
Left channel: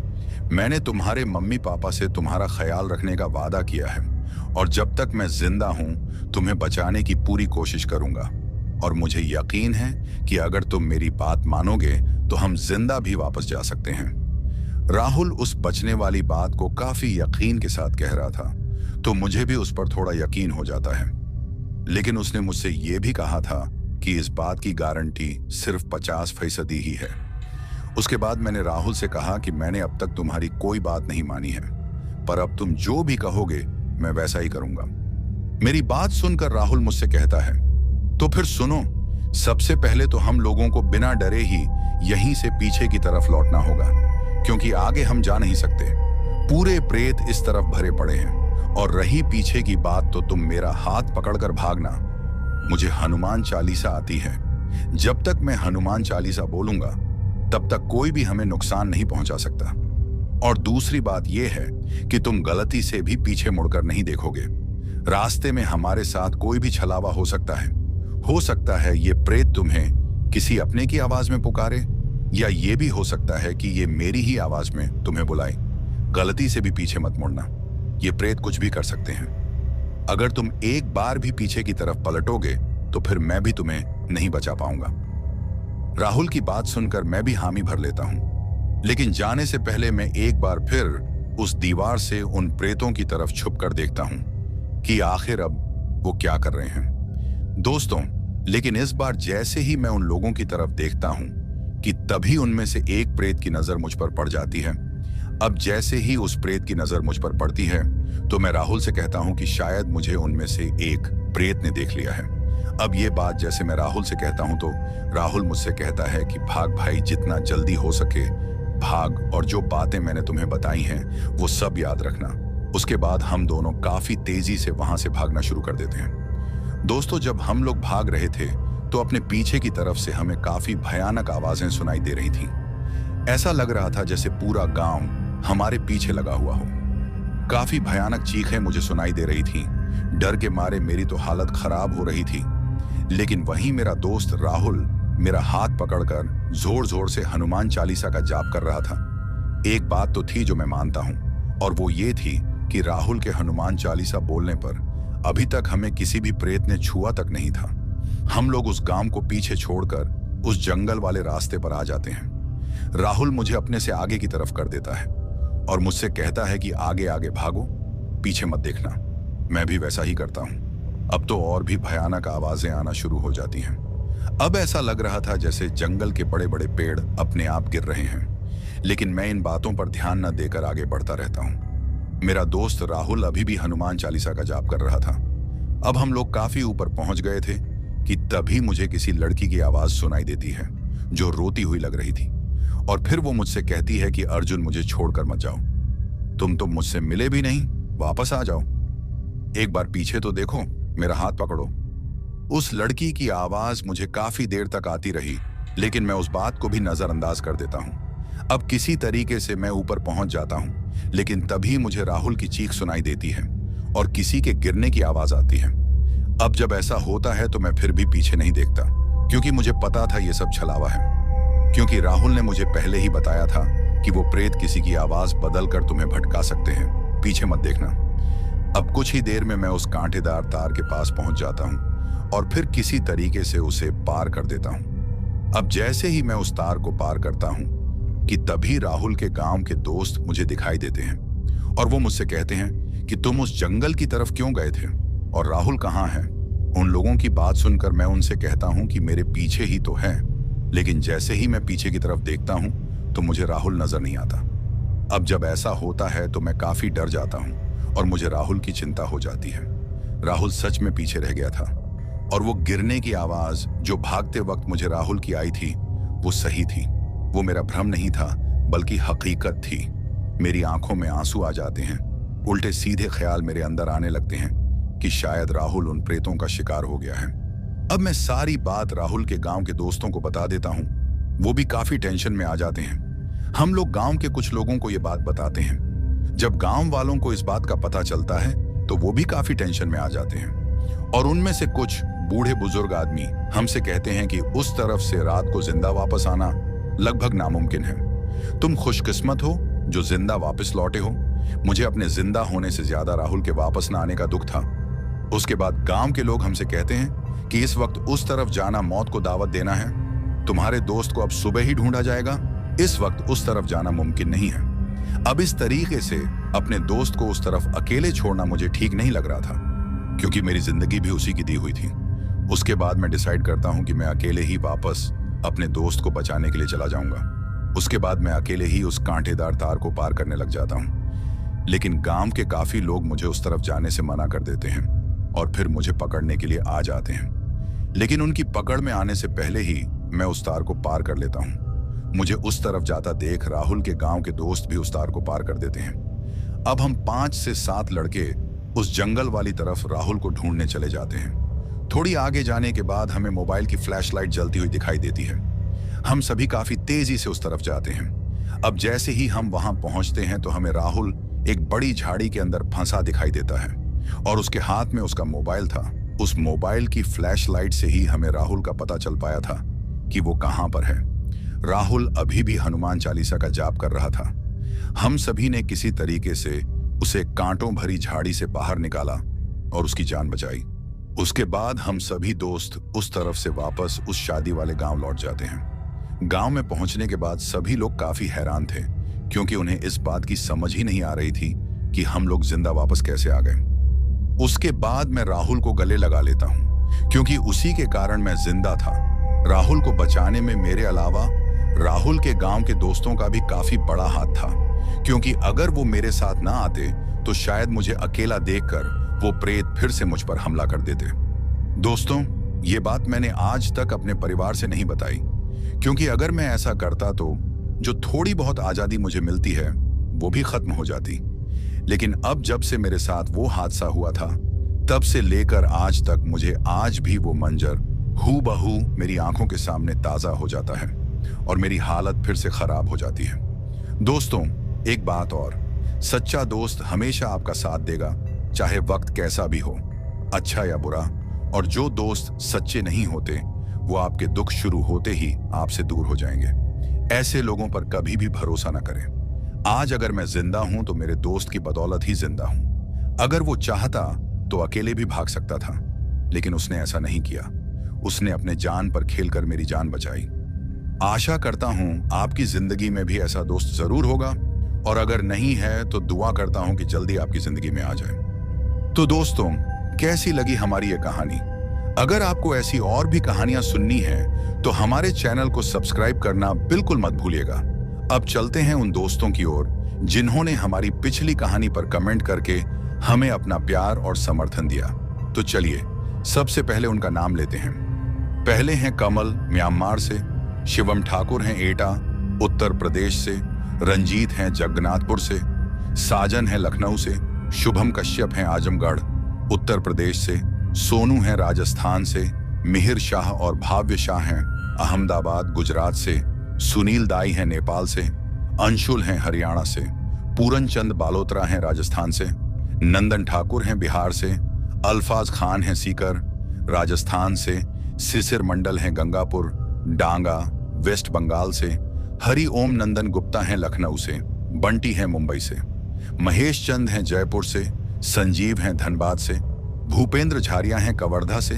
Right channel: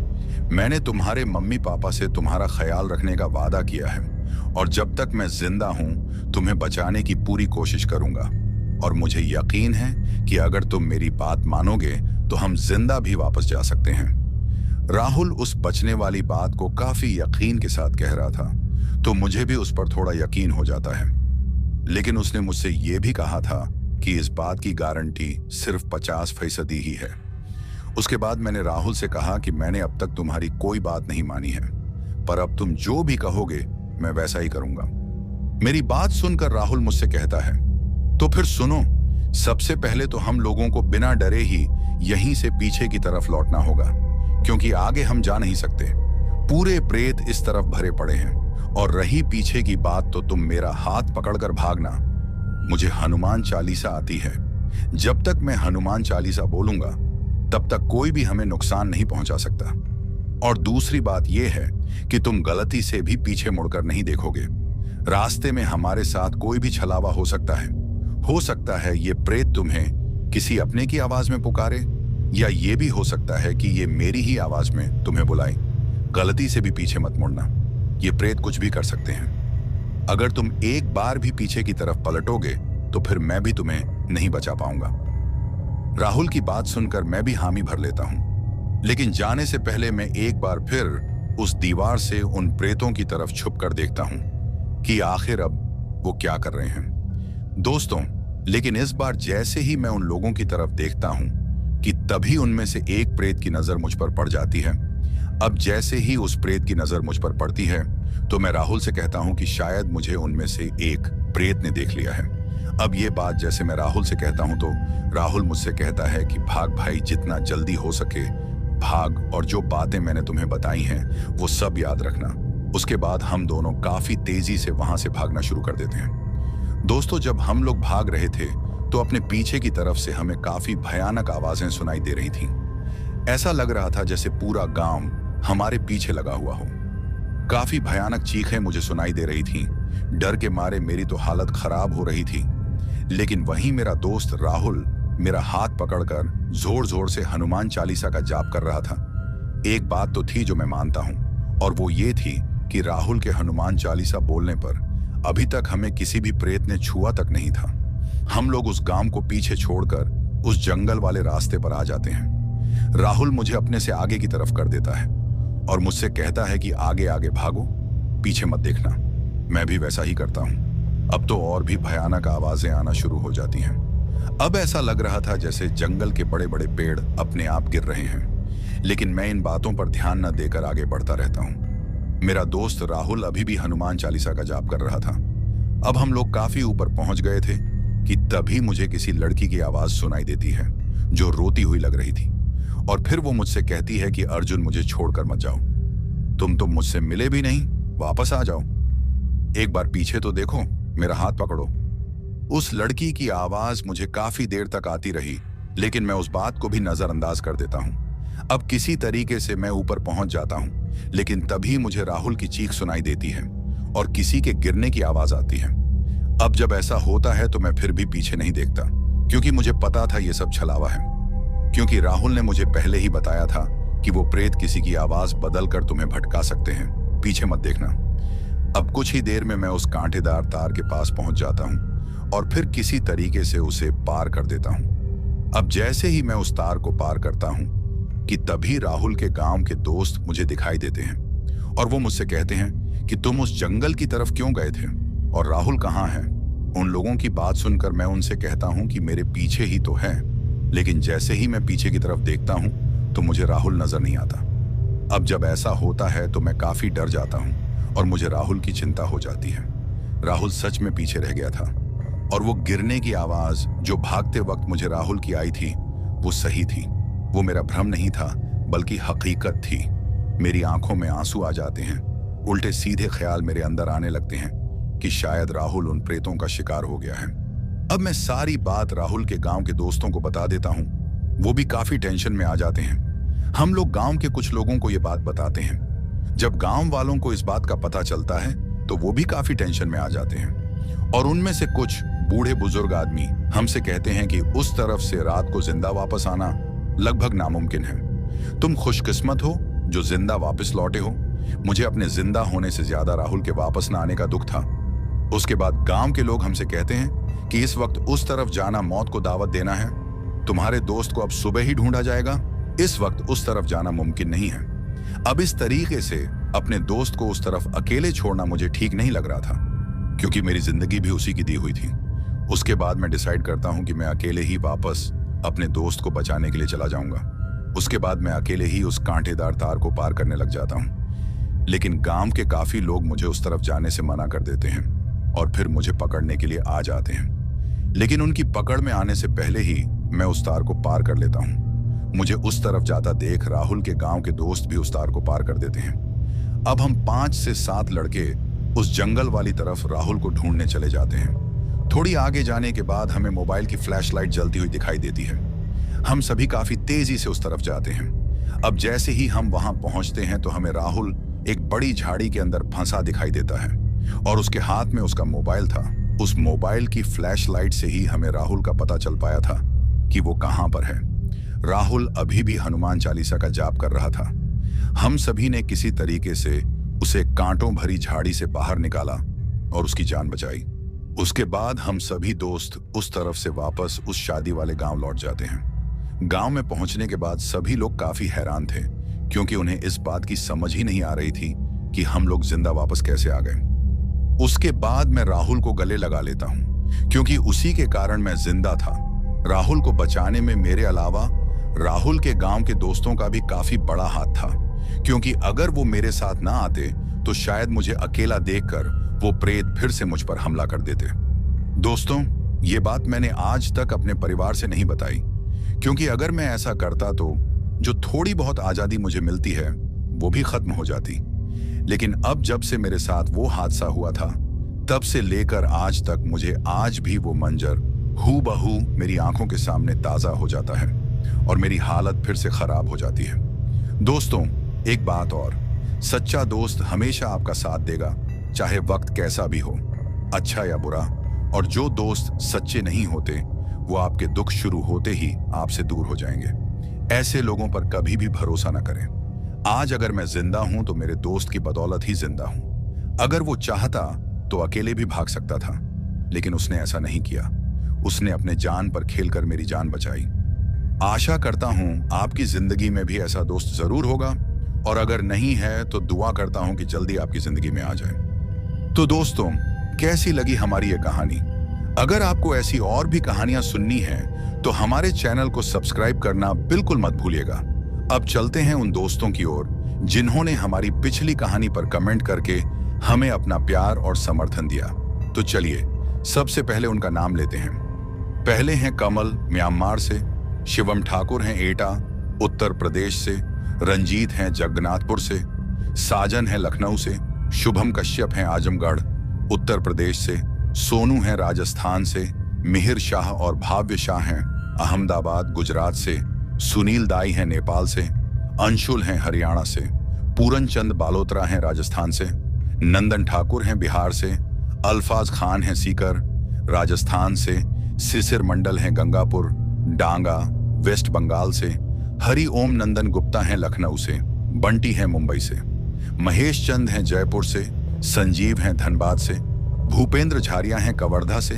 मैंने तुम्हारे मम्मी पापा से तुम्हारा ख्याल रखने का वादा किया है और जब तक मैं जिंदा हूं तुम्हें बचाने की पूरी कोशिश करूंगा, और मुझे यकीन है कि अगर तुम मेरी बात मानोगे तो हम जिंदा भी वापस जा सकते हैं। राहुल उस बचने वाली बात को काफी यकीन के साथ कह रहा था, तो मुझे भी उस पर थोड़ा यकीन हो जाता है, लेकिन उसने मुझसे यह भी कहा था कि इस बात की गारंटी सिर्फ 50% ही है। उसके बाद मैंने राहुल से कहा कि मैंने अब तक तुम्हारी कोई बात नहीं मानी है, पर अब तुम जो भी कहोगे मैं वैसा ही करूंगा। मेरी बात सुनकर राहुल मुझसे कहता है, तो फिर सुनो, सबसे पहले तो हम लोगों को बिना डरे ही यहीं से पीछे की तरफ लौटना होगा, क्योंकि आगे हम जा नहीं सकते। पूरे प्रेत इस तरफ भरे पड़े हैं, और रही पीछे की बात तो तुम मेरा हाथ पकड़कर भागना। मुझे हनुमान चालीसा आती है, जब तक मैं हनुमान चालीसा बोलूंगा तब तक कोई भी हमें नुकसान नहीं पहुंचा सकता। और दूसरी बात यह है कि तुम गलती से भी पीछे मुड़कर नहीं देखोगे। रास्ते में हमारे साथ कोई भी छलावा हो सकता है ये प्रेत तुम्हें किसी अपने की आवाज में पुकारे, या ये भी हो सकता है कि ये मेरी ही आवाज में तुम्हें बुलाए। गलती से भी पीछे मत मुड़ना, ये प्रेत कुछ भी कर सकते हैं। अगर तुम एक बार भी पीछे की तरफ पलटोगे तो फिर मैं भी तुम्हें नहीं बचा पाऊंगा। राहुल की बात सुनकर मैं भी हामी भर लेता हूं, लेकिन जाने से पहले मैं एक बार फिर उस दीवार से उन प्रेतों की तरफ छुप कर देखता हूं कि आखिर अब वो क्या कर रहे हैं। दोस्तों, लेकिन इस बार जैसे ही मैं उन लोगों की तरफ देखता हूं कि तभी उनमें से एक प्रेत की नजर मुझ पर पड़ जाती है। अब जैसे ही उस प्रेत की नजर मुझ पर पड़ती है तो मैं राहुल से कहता हूं कि शायद मुझे उनमें से एक प्रेत ने देख लिया है। अब ये बात जैसे मैं राहुल से कहता हूं तो राहुल मुझसे कहता है कि भाग भाई, जितना जल्दी हो सके भाग, और जो बातें मैंने तुम्हें बताई हैं वो सब याद रखना। उसके बाद हम दोनों काफी तेजी से वहां से भागना शुरू कर देते हैं। दोस्तों, जब हम लोग भाग रहे थे तो अपने पीछे की तरफ से हमें काफी भयानक आवाजें सुनाई दे रही थीं। ऐसा लग रहा था जैसे पूरा गांव हमारे पीछे लगा हुआ हो। काफी भयानक चीखें मुझे सुनाई दे रही थीं। डर के मारे मेरी तो हालत खराब हो रही थी, लेकिन वहीं मेरा दोस्त राहुल मेरा हाथ पकड़कर जोर जोर से हनुमान चालीसा का जाप कर रहा था। एक बात तो थी जो मैं मानता हूं, और वो ये थी कि राहुल के हनुमान चालीसा बोलने पर अभी तक हमें किसी भी प्रेत ने छुआ तक नहीं था। हम लोग उस गांव को पीछे छोड़कर उस जंगल वाले रास्ते पर आ जाते हैं। राहुल मुझे अपने से आगे की तरफ कर देता है और मुझसे कहता है कि आगे आगे भागो, पीछे मत देखना। मैं भी वैसा ही करता हूँ। अब तो और भी भयानक आवाजें आना शुरू हो जाती हैं। अब ऐसा लग रहा था जैसे जंगल के बड़े बड़े पेड़ अपने आप गिर रहे हैं, लेकिन मैं इन बातों पर ध्यान न देकर आगे बढ़ता रहता हूँ। मेरा दोस्त राहुल अभी भी हनुमान चालीसा का जाप कर रहा था। अब हम लोग काफी ऊपर पहुंच गए थे कि तभी मुझे किसी लड़की की आवाज सुनाई देती है जो रोती हुई लग रही थी। और फिर वो मुझसे कहती है कि अर्जुन, मुझे छोड़कर मत जाओ। तुम तो मुझसे मिले भी नहीं, वापस आ जाओ। एक बार पीछे तो देखो, मेरा हाथ पकड़ो। उस लड़की की आवाज मुझे काफी देर तक आती रही, लेकिन मैं उस बात को भी नजरअंदाज कर देता हूँ। अब किसी तरीके से मैं ऊपर पहुंच जाता हूँ, लेकिन तभी मुझे राहुल की चीख सुनाई देती है और किसी के गिरने की आवाज आती है। अब जब ऐसा होता है तो मैं फिर भी पीछे नहीं देखता, क्योंकि मुझे पता था ये सब छलावा है। क्योंकि राहुल ने मुझे पहले ही बताया था कि वो प्रेत किसी की आवाज बदलकर तुम्हें भटका सकते हैं, पीछे मत देखना। अब कुछ ही देर में मैं उस कांटेदार तार के पास पहुंच जाता हूं और फिर किसी तरीके से उसे पार कर देता हूं। अब जैसे ही मैं उस तार को पार करता हूं कि तभी राहुल के गांव के दोस्त मुझे दिखाई देते हैं और वो मुझसे कहते हैं कि तुम उस जंगल की तरफ क्यों गए थे और राहुल कहाँ है। उन लोगों की बात सुनकर मैं उनसे कहता हूं कि मेरे पीछे ही तो है, लेकिन जैसे ही मैं पीछे की तरफ देखता हूं तो मुझे राहुल नजर नहीं आता। अब जब ऐसा होता है तो मैं काफी डर जाता हूं और मुझे राहुल की चिंता हो जाती है। राहुल सच में पीछे रह गया था और वो गिरने की आवाज जो भागते वक्त मुझे राहुल की आई थी वो सही थी। वो मेरा भ्रम नहीं था, बल्कि हकीकत थी। मेरी आंखों में आंसू आ जाते हैं। उल्टे सीधे ख्याल मेरे अंदर आने लगते हैं कि शायद राहुल उन प्रेतों का शिकार हो गया है। अब मैं सारी बात राहुल के गांव के दोस्तों को बता देता हूं। वो भी काफी टेंशन में आ जाते हैं। हम लोग गांव के कुछ लोगों को ये बात बताते हैं। जब गांव वालों को इस बात का पता चलता है तो वो भी काफी टेंशन में आ जाते हैं और उनमें से कुछ बूढ़े बुजुर्ग आदमी हमसे कहते हैं कि उस तरफ से रात को जिंदा वापस आना लगभग नामुमकिन है। तुम खुशकिस्मत हो जो जिंदा वापस लौटे हो। मुझे अपने जिंदा होने से ज्यादा राहुल के वापस न आने का दुख था। उसके बाद गांव के लोग हमसे कहते हैं कि इस वक्त उस तरफ जाना मौत को दावत देना है। तुम्हारे दोस्त को अब सुबह ही ढूंढा जाएगा। इस वक्त उस तरफ जाना मुमकिन नहीं है। अब इस तरीके से अपने दोस्त को उस तरफ अकेले छोड़ना मुझे ठीक नहीं लग रहा था, क्योंकि मेरी जिंदगी भी उसी की दी हुई थी। उसके बाद मैं डिसाइड करता हूं कि मैं अकेले ही वापस अपने दोस्त को बचाने के लिए चला जाऊंगा। उसके बाद मैं अकेले ही उस कांटेदार तार को पार करने लग जाता हूं, लेकिन गांव के काफी लोग मुझे उस तरफ जाने से मना कर देते हैं और फिर मुझे पकड़ने के लिए आ जाते हैं। लेकिन उनकी पकड़ में आने से पहले ही मैं उस तार को पार कर लेता हूं। मुझे उस तरफ जाता देख राहुल के गांव के दोस्त भी उस तार को पार कर देते हैं। अब हम 5 से 7 लड़के उस जंगल वाली तरफ राहुल को ढूंढने चले जाते हैं। थोड़ी आगे जाने के बाद हमें मोबाइल की फ्लैशलाइट जलती हुई दिखाई देती है। हम सभी काफी तेजी से उस तरफ जाते हैं। अब जैसे ही हम वहां पहुंचते हैं तो हमें राहुल एक बड़ी झाड़ी के अंदर फंसा दिखाई देता है और उसके हाथ में उसका मोबाइल था। उस मोबाइल की फ्लैशलाइट से ही हमें राहुल का पता चल पाया था कि वो कहां पर है। राहुल अभी भी हनुमान चालीसा का जाप कर रहा था। हम सभी ने किसी तरीके से उसे कांटों भरी झाड़ी से बाहर निकाला और उसकी जान बचाई। उसके बाद हम सभी दोस्त उस तरफ से वापस उस शादी वाले गांव लौट जाते हैं। गांव में पहुंचने के बाद सभी लोग काफी हैरान थे, क्योंकि उन्हें इस बात की समझ ही नहीं आ रही थी कि हम लोग जिंदा वापस कैसे आ गए। उसके बाद मैं राहुल को गले लगा लेता हूं, क्योंकि उसी के कारण मैं जिंदा था। राहुल को बचाने में मेरे अलावा राहुल के गांव के दोस्तों का भी काफी बड़ा हाथ था, क्योंकि अगर वो मेरे साथ ना आते तो शायद मुझे अकेला देखकर वो प्रेत फिर से मुझ पर हमला कर देते। दोस्तों, ये बात मैंने आज तक अपने परिवार से नहीं बताई, क्योंकि अगर मैं ऐसा करता तो जो थोड़ी बहुत आजादी मुझे मिलती है वो भी खत्म हो जाती। लेकिन अब जब से मेरे साथ वो हादसा हुआ था, तब से लेकर आज तक मुझे आज भी वो मंजर हूबहू मेरी आंखों के सामने ताजा हो जाता है और मेरी हालत फिर से खराब हो जाती है। दोस्तों, एक बात और, सच्चा दोस्त हमेशा आपका साथ देगा, चाहे वक्त कैसा भी हो, अच्छा या बुरा। और जो दोस्त सच्चे नहीं होते वो आपके दुख शुरू होते ही आपसे दूर हो जाएंगे। ऐसे लोगों पर कभी भी भरोसा ना करें। आज अगर मैं जिंदा हूं तो मेरे दोस्त की बदौलत ही जिंदा हूं। अगर वो चाहता तो अकेले भी भाग सकता था, लेकिन उसने ऐसा नहीं किया। उसने अपने जान पर खेलकर मेरी जान बचाई। आशा करता हूं आपकी जिंदगी में भी ऐसा दोस्त जरूर होगा और अगर नहीं है तो दुआ करता हूं कि जल्दी आपकी जिंदगी में आ जाए। तो दोस्तों, कैसी लगी हमारी ये कहानी? अगर आपको ऐसी और भी कहानियां सुननी हैं तो हमारे चैनल को सब्सक्राइब करना बिल्कुल मत भूलिएगा। अब चलते हैं उन दोस्तों की ओर जिन्होंने हमारी पिछली कहानी पर कमेंट करके हमें अपना प्यार और समर्थन दिया। तो चलिए सबसे पहले उनका नाम लेते हैं। पहले हैं कमल म्यांमार से, शिवम ठाकुर हैं एटा उत्तर प्रदेश से, रंजीत हैं जगन्नाथपुर से, साजन है लखनऊ से, शुभम कश्यप हैं आजमगढ़ उत्तर प्रदेश से, सोनू हैं राजस्थान से, मिहिर शाह और भाव्य शाह हैं अहमदाबाद गुजरात से, सुनील दाई हैं नेपाल से, अंशुल हैं हरियाणा से, पूरन चंद बालोत्रा हैं राजस्थान से, नंदन ठाकुर हैं बिहार से, अल्फाज खान हैं सीकर राजस्थान से, सिसिर मंडल हैं गंगापुर डांगा वेस्ट बंगाल से, हरि ओम नंदन गुप्ता हैं लखनऊ से, बंटी हैं मुंबई से, महेश चंद हैं जयपुर से, संजीव हैं धनबाद से, भूपेंद्र झारिया हैं कवर्धा से,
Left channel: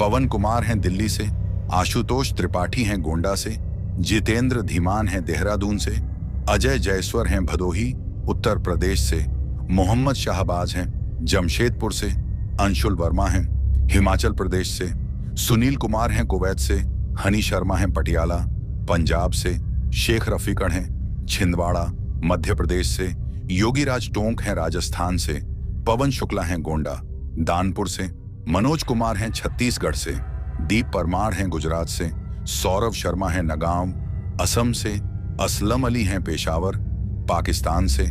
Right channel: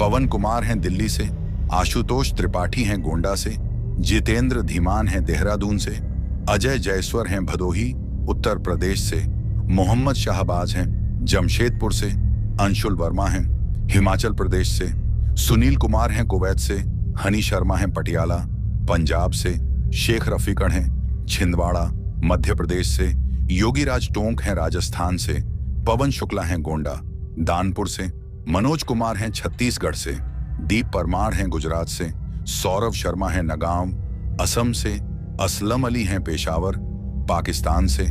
पवन कुमार हैं दिल्ली से, आशुतोष त्रिपाठी हैं गोंडा से, जितेंद्र धीमान हैं देहरादून से, अजय जयस्वर हैं भदोही उत्तर प्रदेश से, मोहम्मद शाहबाज हैं जमशेदपुर से, अंशुल वर्मा हैं हिमाचल प्रदेश से, सुनील कुमार हैं कुवैत से, हनी शर्मा हैं पटियाला पंजाब से, शेख रफीकड़ हैं छिंदवाड़ा मध्य प्रदेश से, योगीराज टोंक हैं राजस्थान से, पवन शुक्ला हैं गोंडा दानपुर से, मनोज कुमार हैं छत्तीसगढ़ से, दीप परमार हैं गुजरात से, सौरभ शर्मा हैं नगांव असम से, असलम अली हैं पेशावर पाकिस्तान से,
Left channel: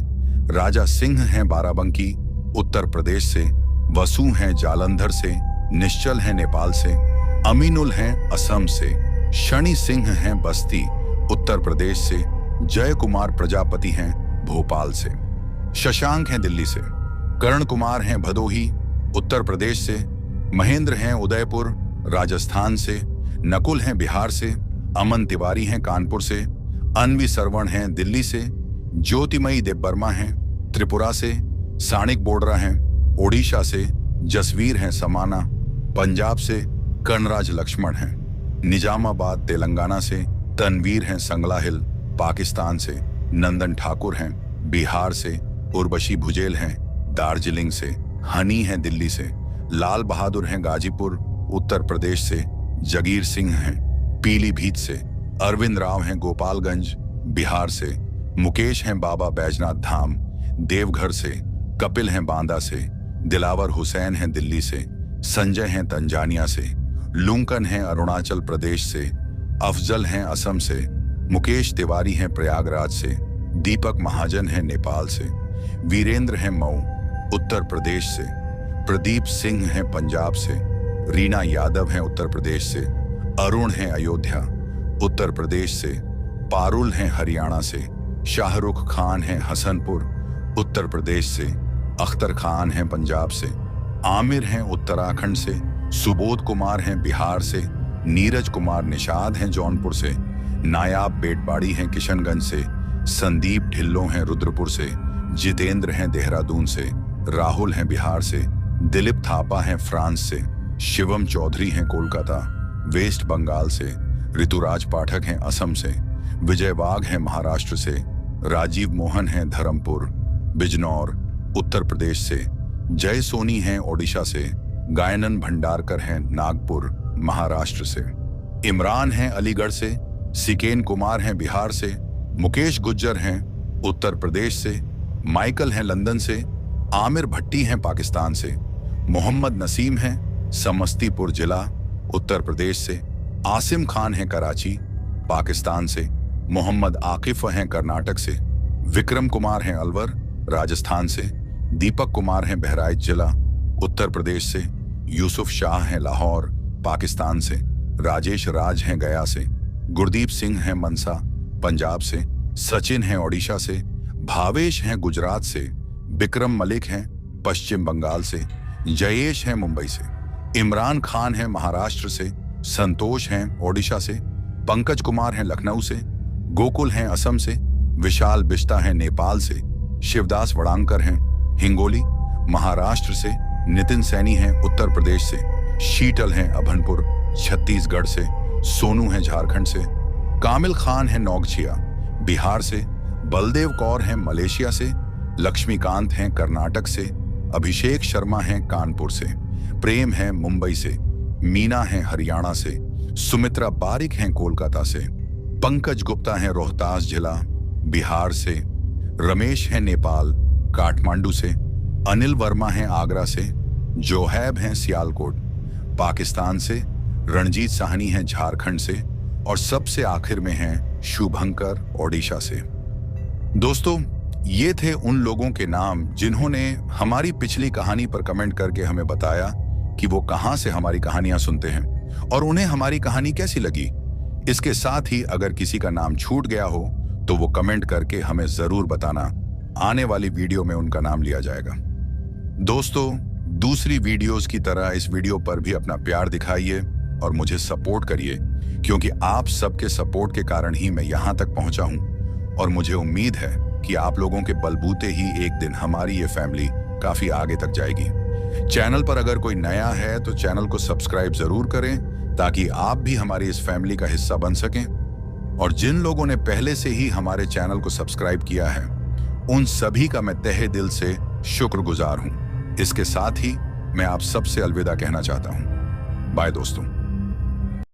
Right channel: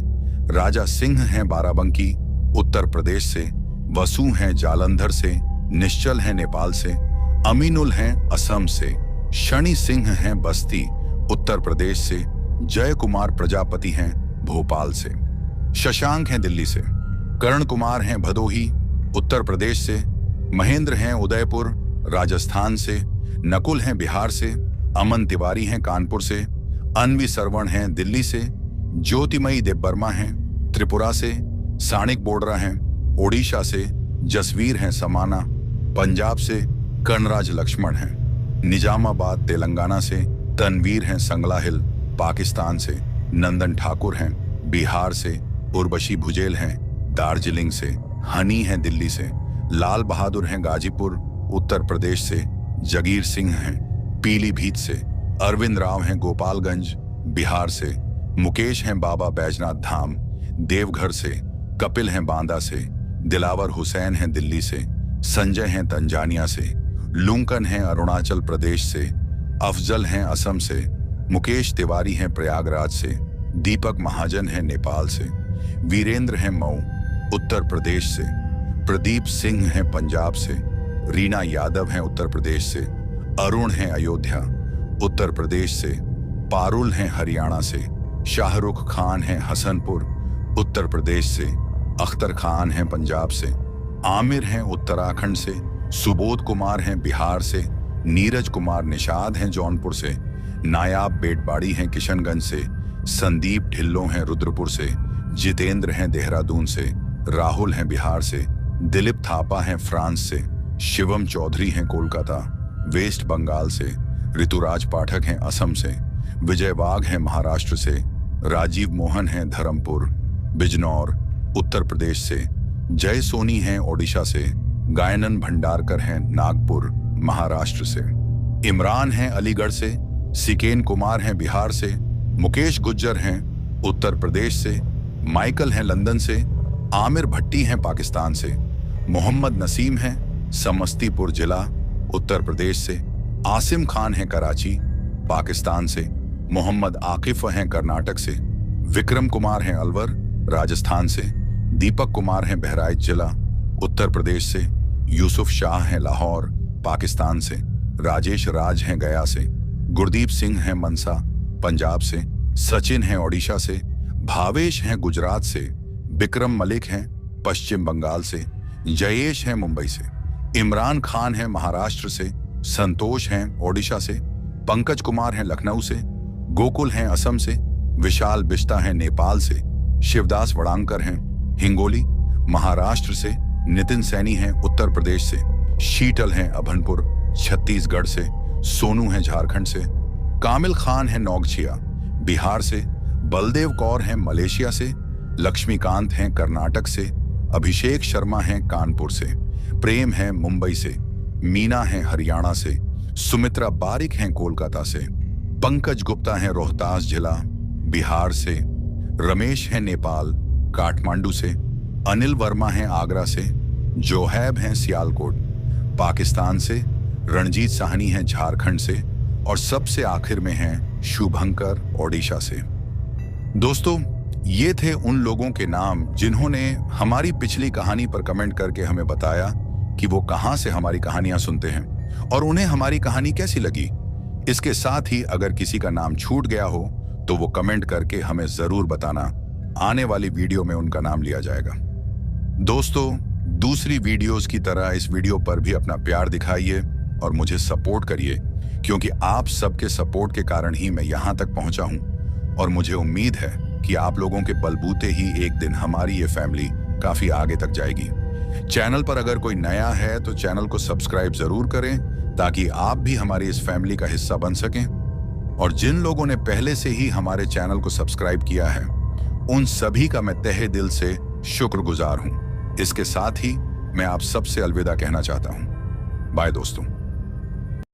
राजा सिंह हैं बाराबंकी उत्तर प्रदेश से, वसु हैं जालंधर से, निश्चल हैं नेपाल से, अमीनुल हैं असम से, शनि सिंह हैं बस्ती उत्तर प्रदेश से, जय कुमार प्रजापति हैं भोपाल से, शशांक हैं दिल्ली से, कर्ण कुमार हैं भदोही उत्तर प्रदेश से, महेंद्र हैं उदयपुर राजस्थान से, नकुल हैं बिहार से, अमन तिवारी हैं कानपुर से, अन्वी सरवण हैं दिल्ली से, ज्योतिमयी देवबर्मा हैं त्रिपुरा से, सानिक बोडरा हैं ओडिशा से, जसवीर हैं समाना पंजाब से, कर्णराज लक्ष्मण हैं निजामाबाद तेलंगाना से, तनवीर हैं संगला हिल पाकिस्तान से, नंदन ठाकुर हैं बिहार से, उर्वशी भुजेल हैं दार्जिलिंग से, हनी हैं दिल्ली से, लाल बहादुर हैं गाजीपुर उत्तर प्रदेश से, जगीर सिंह हैं पीलीभीत से, अरविंद राव हैं गोपालगंज बिहार से, मुकेश हैं बाबा बैजनाथ धाम देवघर से, कपिल हैं बांदा से, दिलावर हुसैन हैं दिल्ली से, संजय हैं तंजानिया से, लुंकन हैं अरुणाचल प्रदेश से, अफजल हैं असम से, मुकेश तिवारी हैं प्रयागराज से, दीपक महाजन हैं नेपाल से, वीरेंद्र हैं मऊ उत्तर प्रदेश से, प्रदीप सिंह हैं पंजाब से, रीना यादव हैं उत्तर प्रदेश से, अरुण हैं अयोध्या उत्तर प्रदेश से, पारुल हैं हरियाणा से, शाहरुख खान हैं हसनपुर उत्तर प्रदेश से, अख्तर खान हैं पंजाब से, आमिर हैं उत्तराखंड से, सुबोध कुमार हैं बिहार से, नीरज कुमार निषाद हैं जौनपुर से, नायाब बेटबाड़ी हैं किशनगंज से, संदीप ढिल्लों हैं रुद्रपुर से, जितेंद्र हैं देहरादून से, राहुल हैं बिहार से, दिलीप थापा हैं फ्रांस से, शिवम चौधरी हैं कोलकाता वेस्ट बंगाल से, ऋतुराज पाठक हैं असम से, विजय वाघ हैं महाराष्ट्र से, राजीव मोहन हैं धर्मपुर बिजनौर उत्तर प्रदेश से, जय सोनी हैं ओडिशा से, गायनन भंडारकर हैं नागपुर महाराष्ट्र से, इमरान हैं अलीगढ़ से, सिकेन कुमार हैं बिहार से, मुकेश गुज्जर हैं उत्तर प्रदेश से, माइकल हैं लंदन से, आमिर भट्टी हैं पाकिस्तान से, मोहम्मद नसीम हैं समस्तीपुर जिला उत्तर प्रदेश से, आसिम खान हैं कराची पाकिस्तान से, मोहम्मद आकिफ हैं कर्नाटक से, विक्रम कुमार हैं अलवर राजस्थान से, दीपक कुमार हैं बहराइच जिला उत्तर प्रदेश से, यूसुफ शाह हैं लाहौर पाकिस्तान से, राजेश राज हैं गया से, गुरदीप सिंह हैं मनसा पंजाब से, सचिन हैं ओडिशा से, भावेश हैं गुजरात से, बिक्रम मलिक हैं पश्चिम बंगाल से, जयेश हैं मुंबई से, इमरान खान हैं महाराष्ट्र से, संतोष हैं ओडिशा से, पंकज कुमार हैं लखनऊ से, गोकुल हैं असम से, विशाल बिश्ता हैं नेपाल से, शिवदास वड़ांकर हैं हिंगोली महाराष्ट्र से, नितिन सैनी हैं उत्तर प्रदेश से, शीतल हैं अभनपुर छत्तीसगढ़ से, सोनू हैं झारखंड से, कामिल खान हैं नौगछिया बिहार से, बलदेव कौर हैं मलेशिया से, लक्ष्मीकांत हैं कर्नाटक से, अभिषेक शर्मा हैं कानपुर से, प्रेम हैं मुंबई से, मीना हैं हरियाणा से, सुमित्रा बारिक हैं कोलकाता से, पंकज गुप्ता हैं रोहतास जिला बिहार से, रमेश हैं नेपाल काठमांडू से, अनिल वर्मा हैं आगरा से, जोहैब हैं सियालकोट पाकिस्तान से, रणजीत साहनी हैं झारखंड से और सबसे आखिर में हैं शुभंकर ओडिशा से। दोस्तों, ये थे उन लोगों के नाम जिन्होंने हमारी पिछली कहानी पर कमेंट करके हमें बताया कि वो कहां से हमारी कहानियां सुनते हैं और उन्हें हमारी कहानी कैसी लगी। इसके साथ ही अगर किसी का नाम छूट गया हो तो वो कमेंट करके हमें जरूर बताना, आने वाली वीडियो में उनका नाम लिया जाएगा। दोस्तों, दूसरी वीडियोस की तरह इस वीडियो पर भी अपना प्यार दिखाइए और मुझे सपोर्ट करिए, क्योंकि आप सबके सपोर्ट के कारण ही मैं यहां तक पहुंचा हूं और मुझे उम्मीद है कि आप लोगों के बलबूते ही एक दिन हमारी ये फैमिली काफी आगे तक जाएगी। चैनल पर अगर कोई नया है तो चैनल को सब्सक्राइब जरूर करें ताकि आप भी हमारी इस फैमिली का हिस्सा बन सकें। और जिन लोगों ने पहले से ही हमारे चैनल को सब्सक्राइब किया है उन सभी का मैं तहे दिल से शुक्रगुजार हूं। इसके साथ ही मैं आप सबसे अलविदा कहना चाहता हूं। बाय दोस्तों।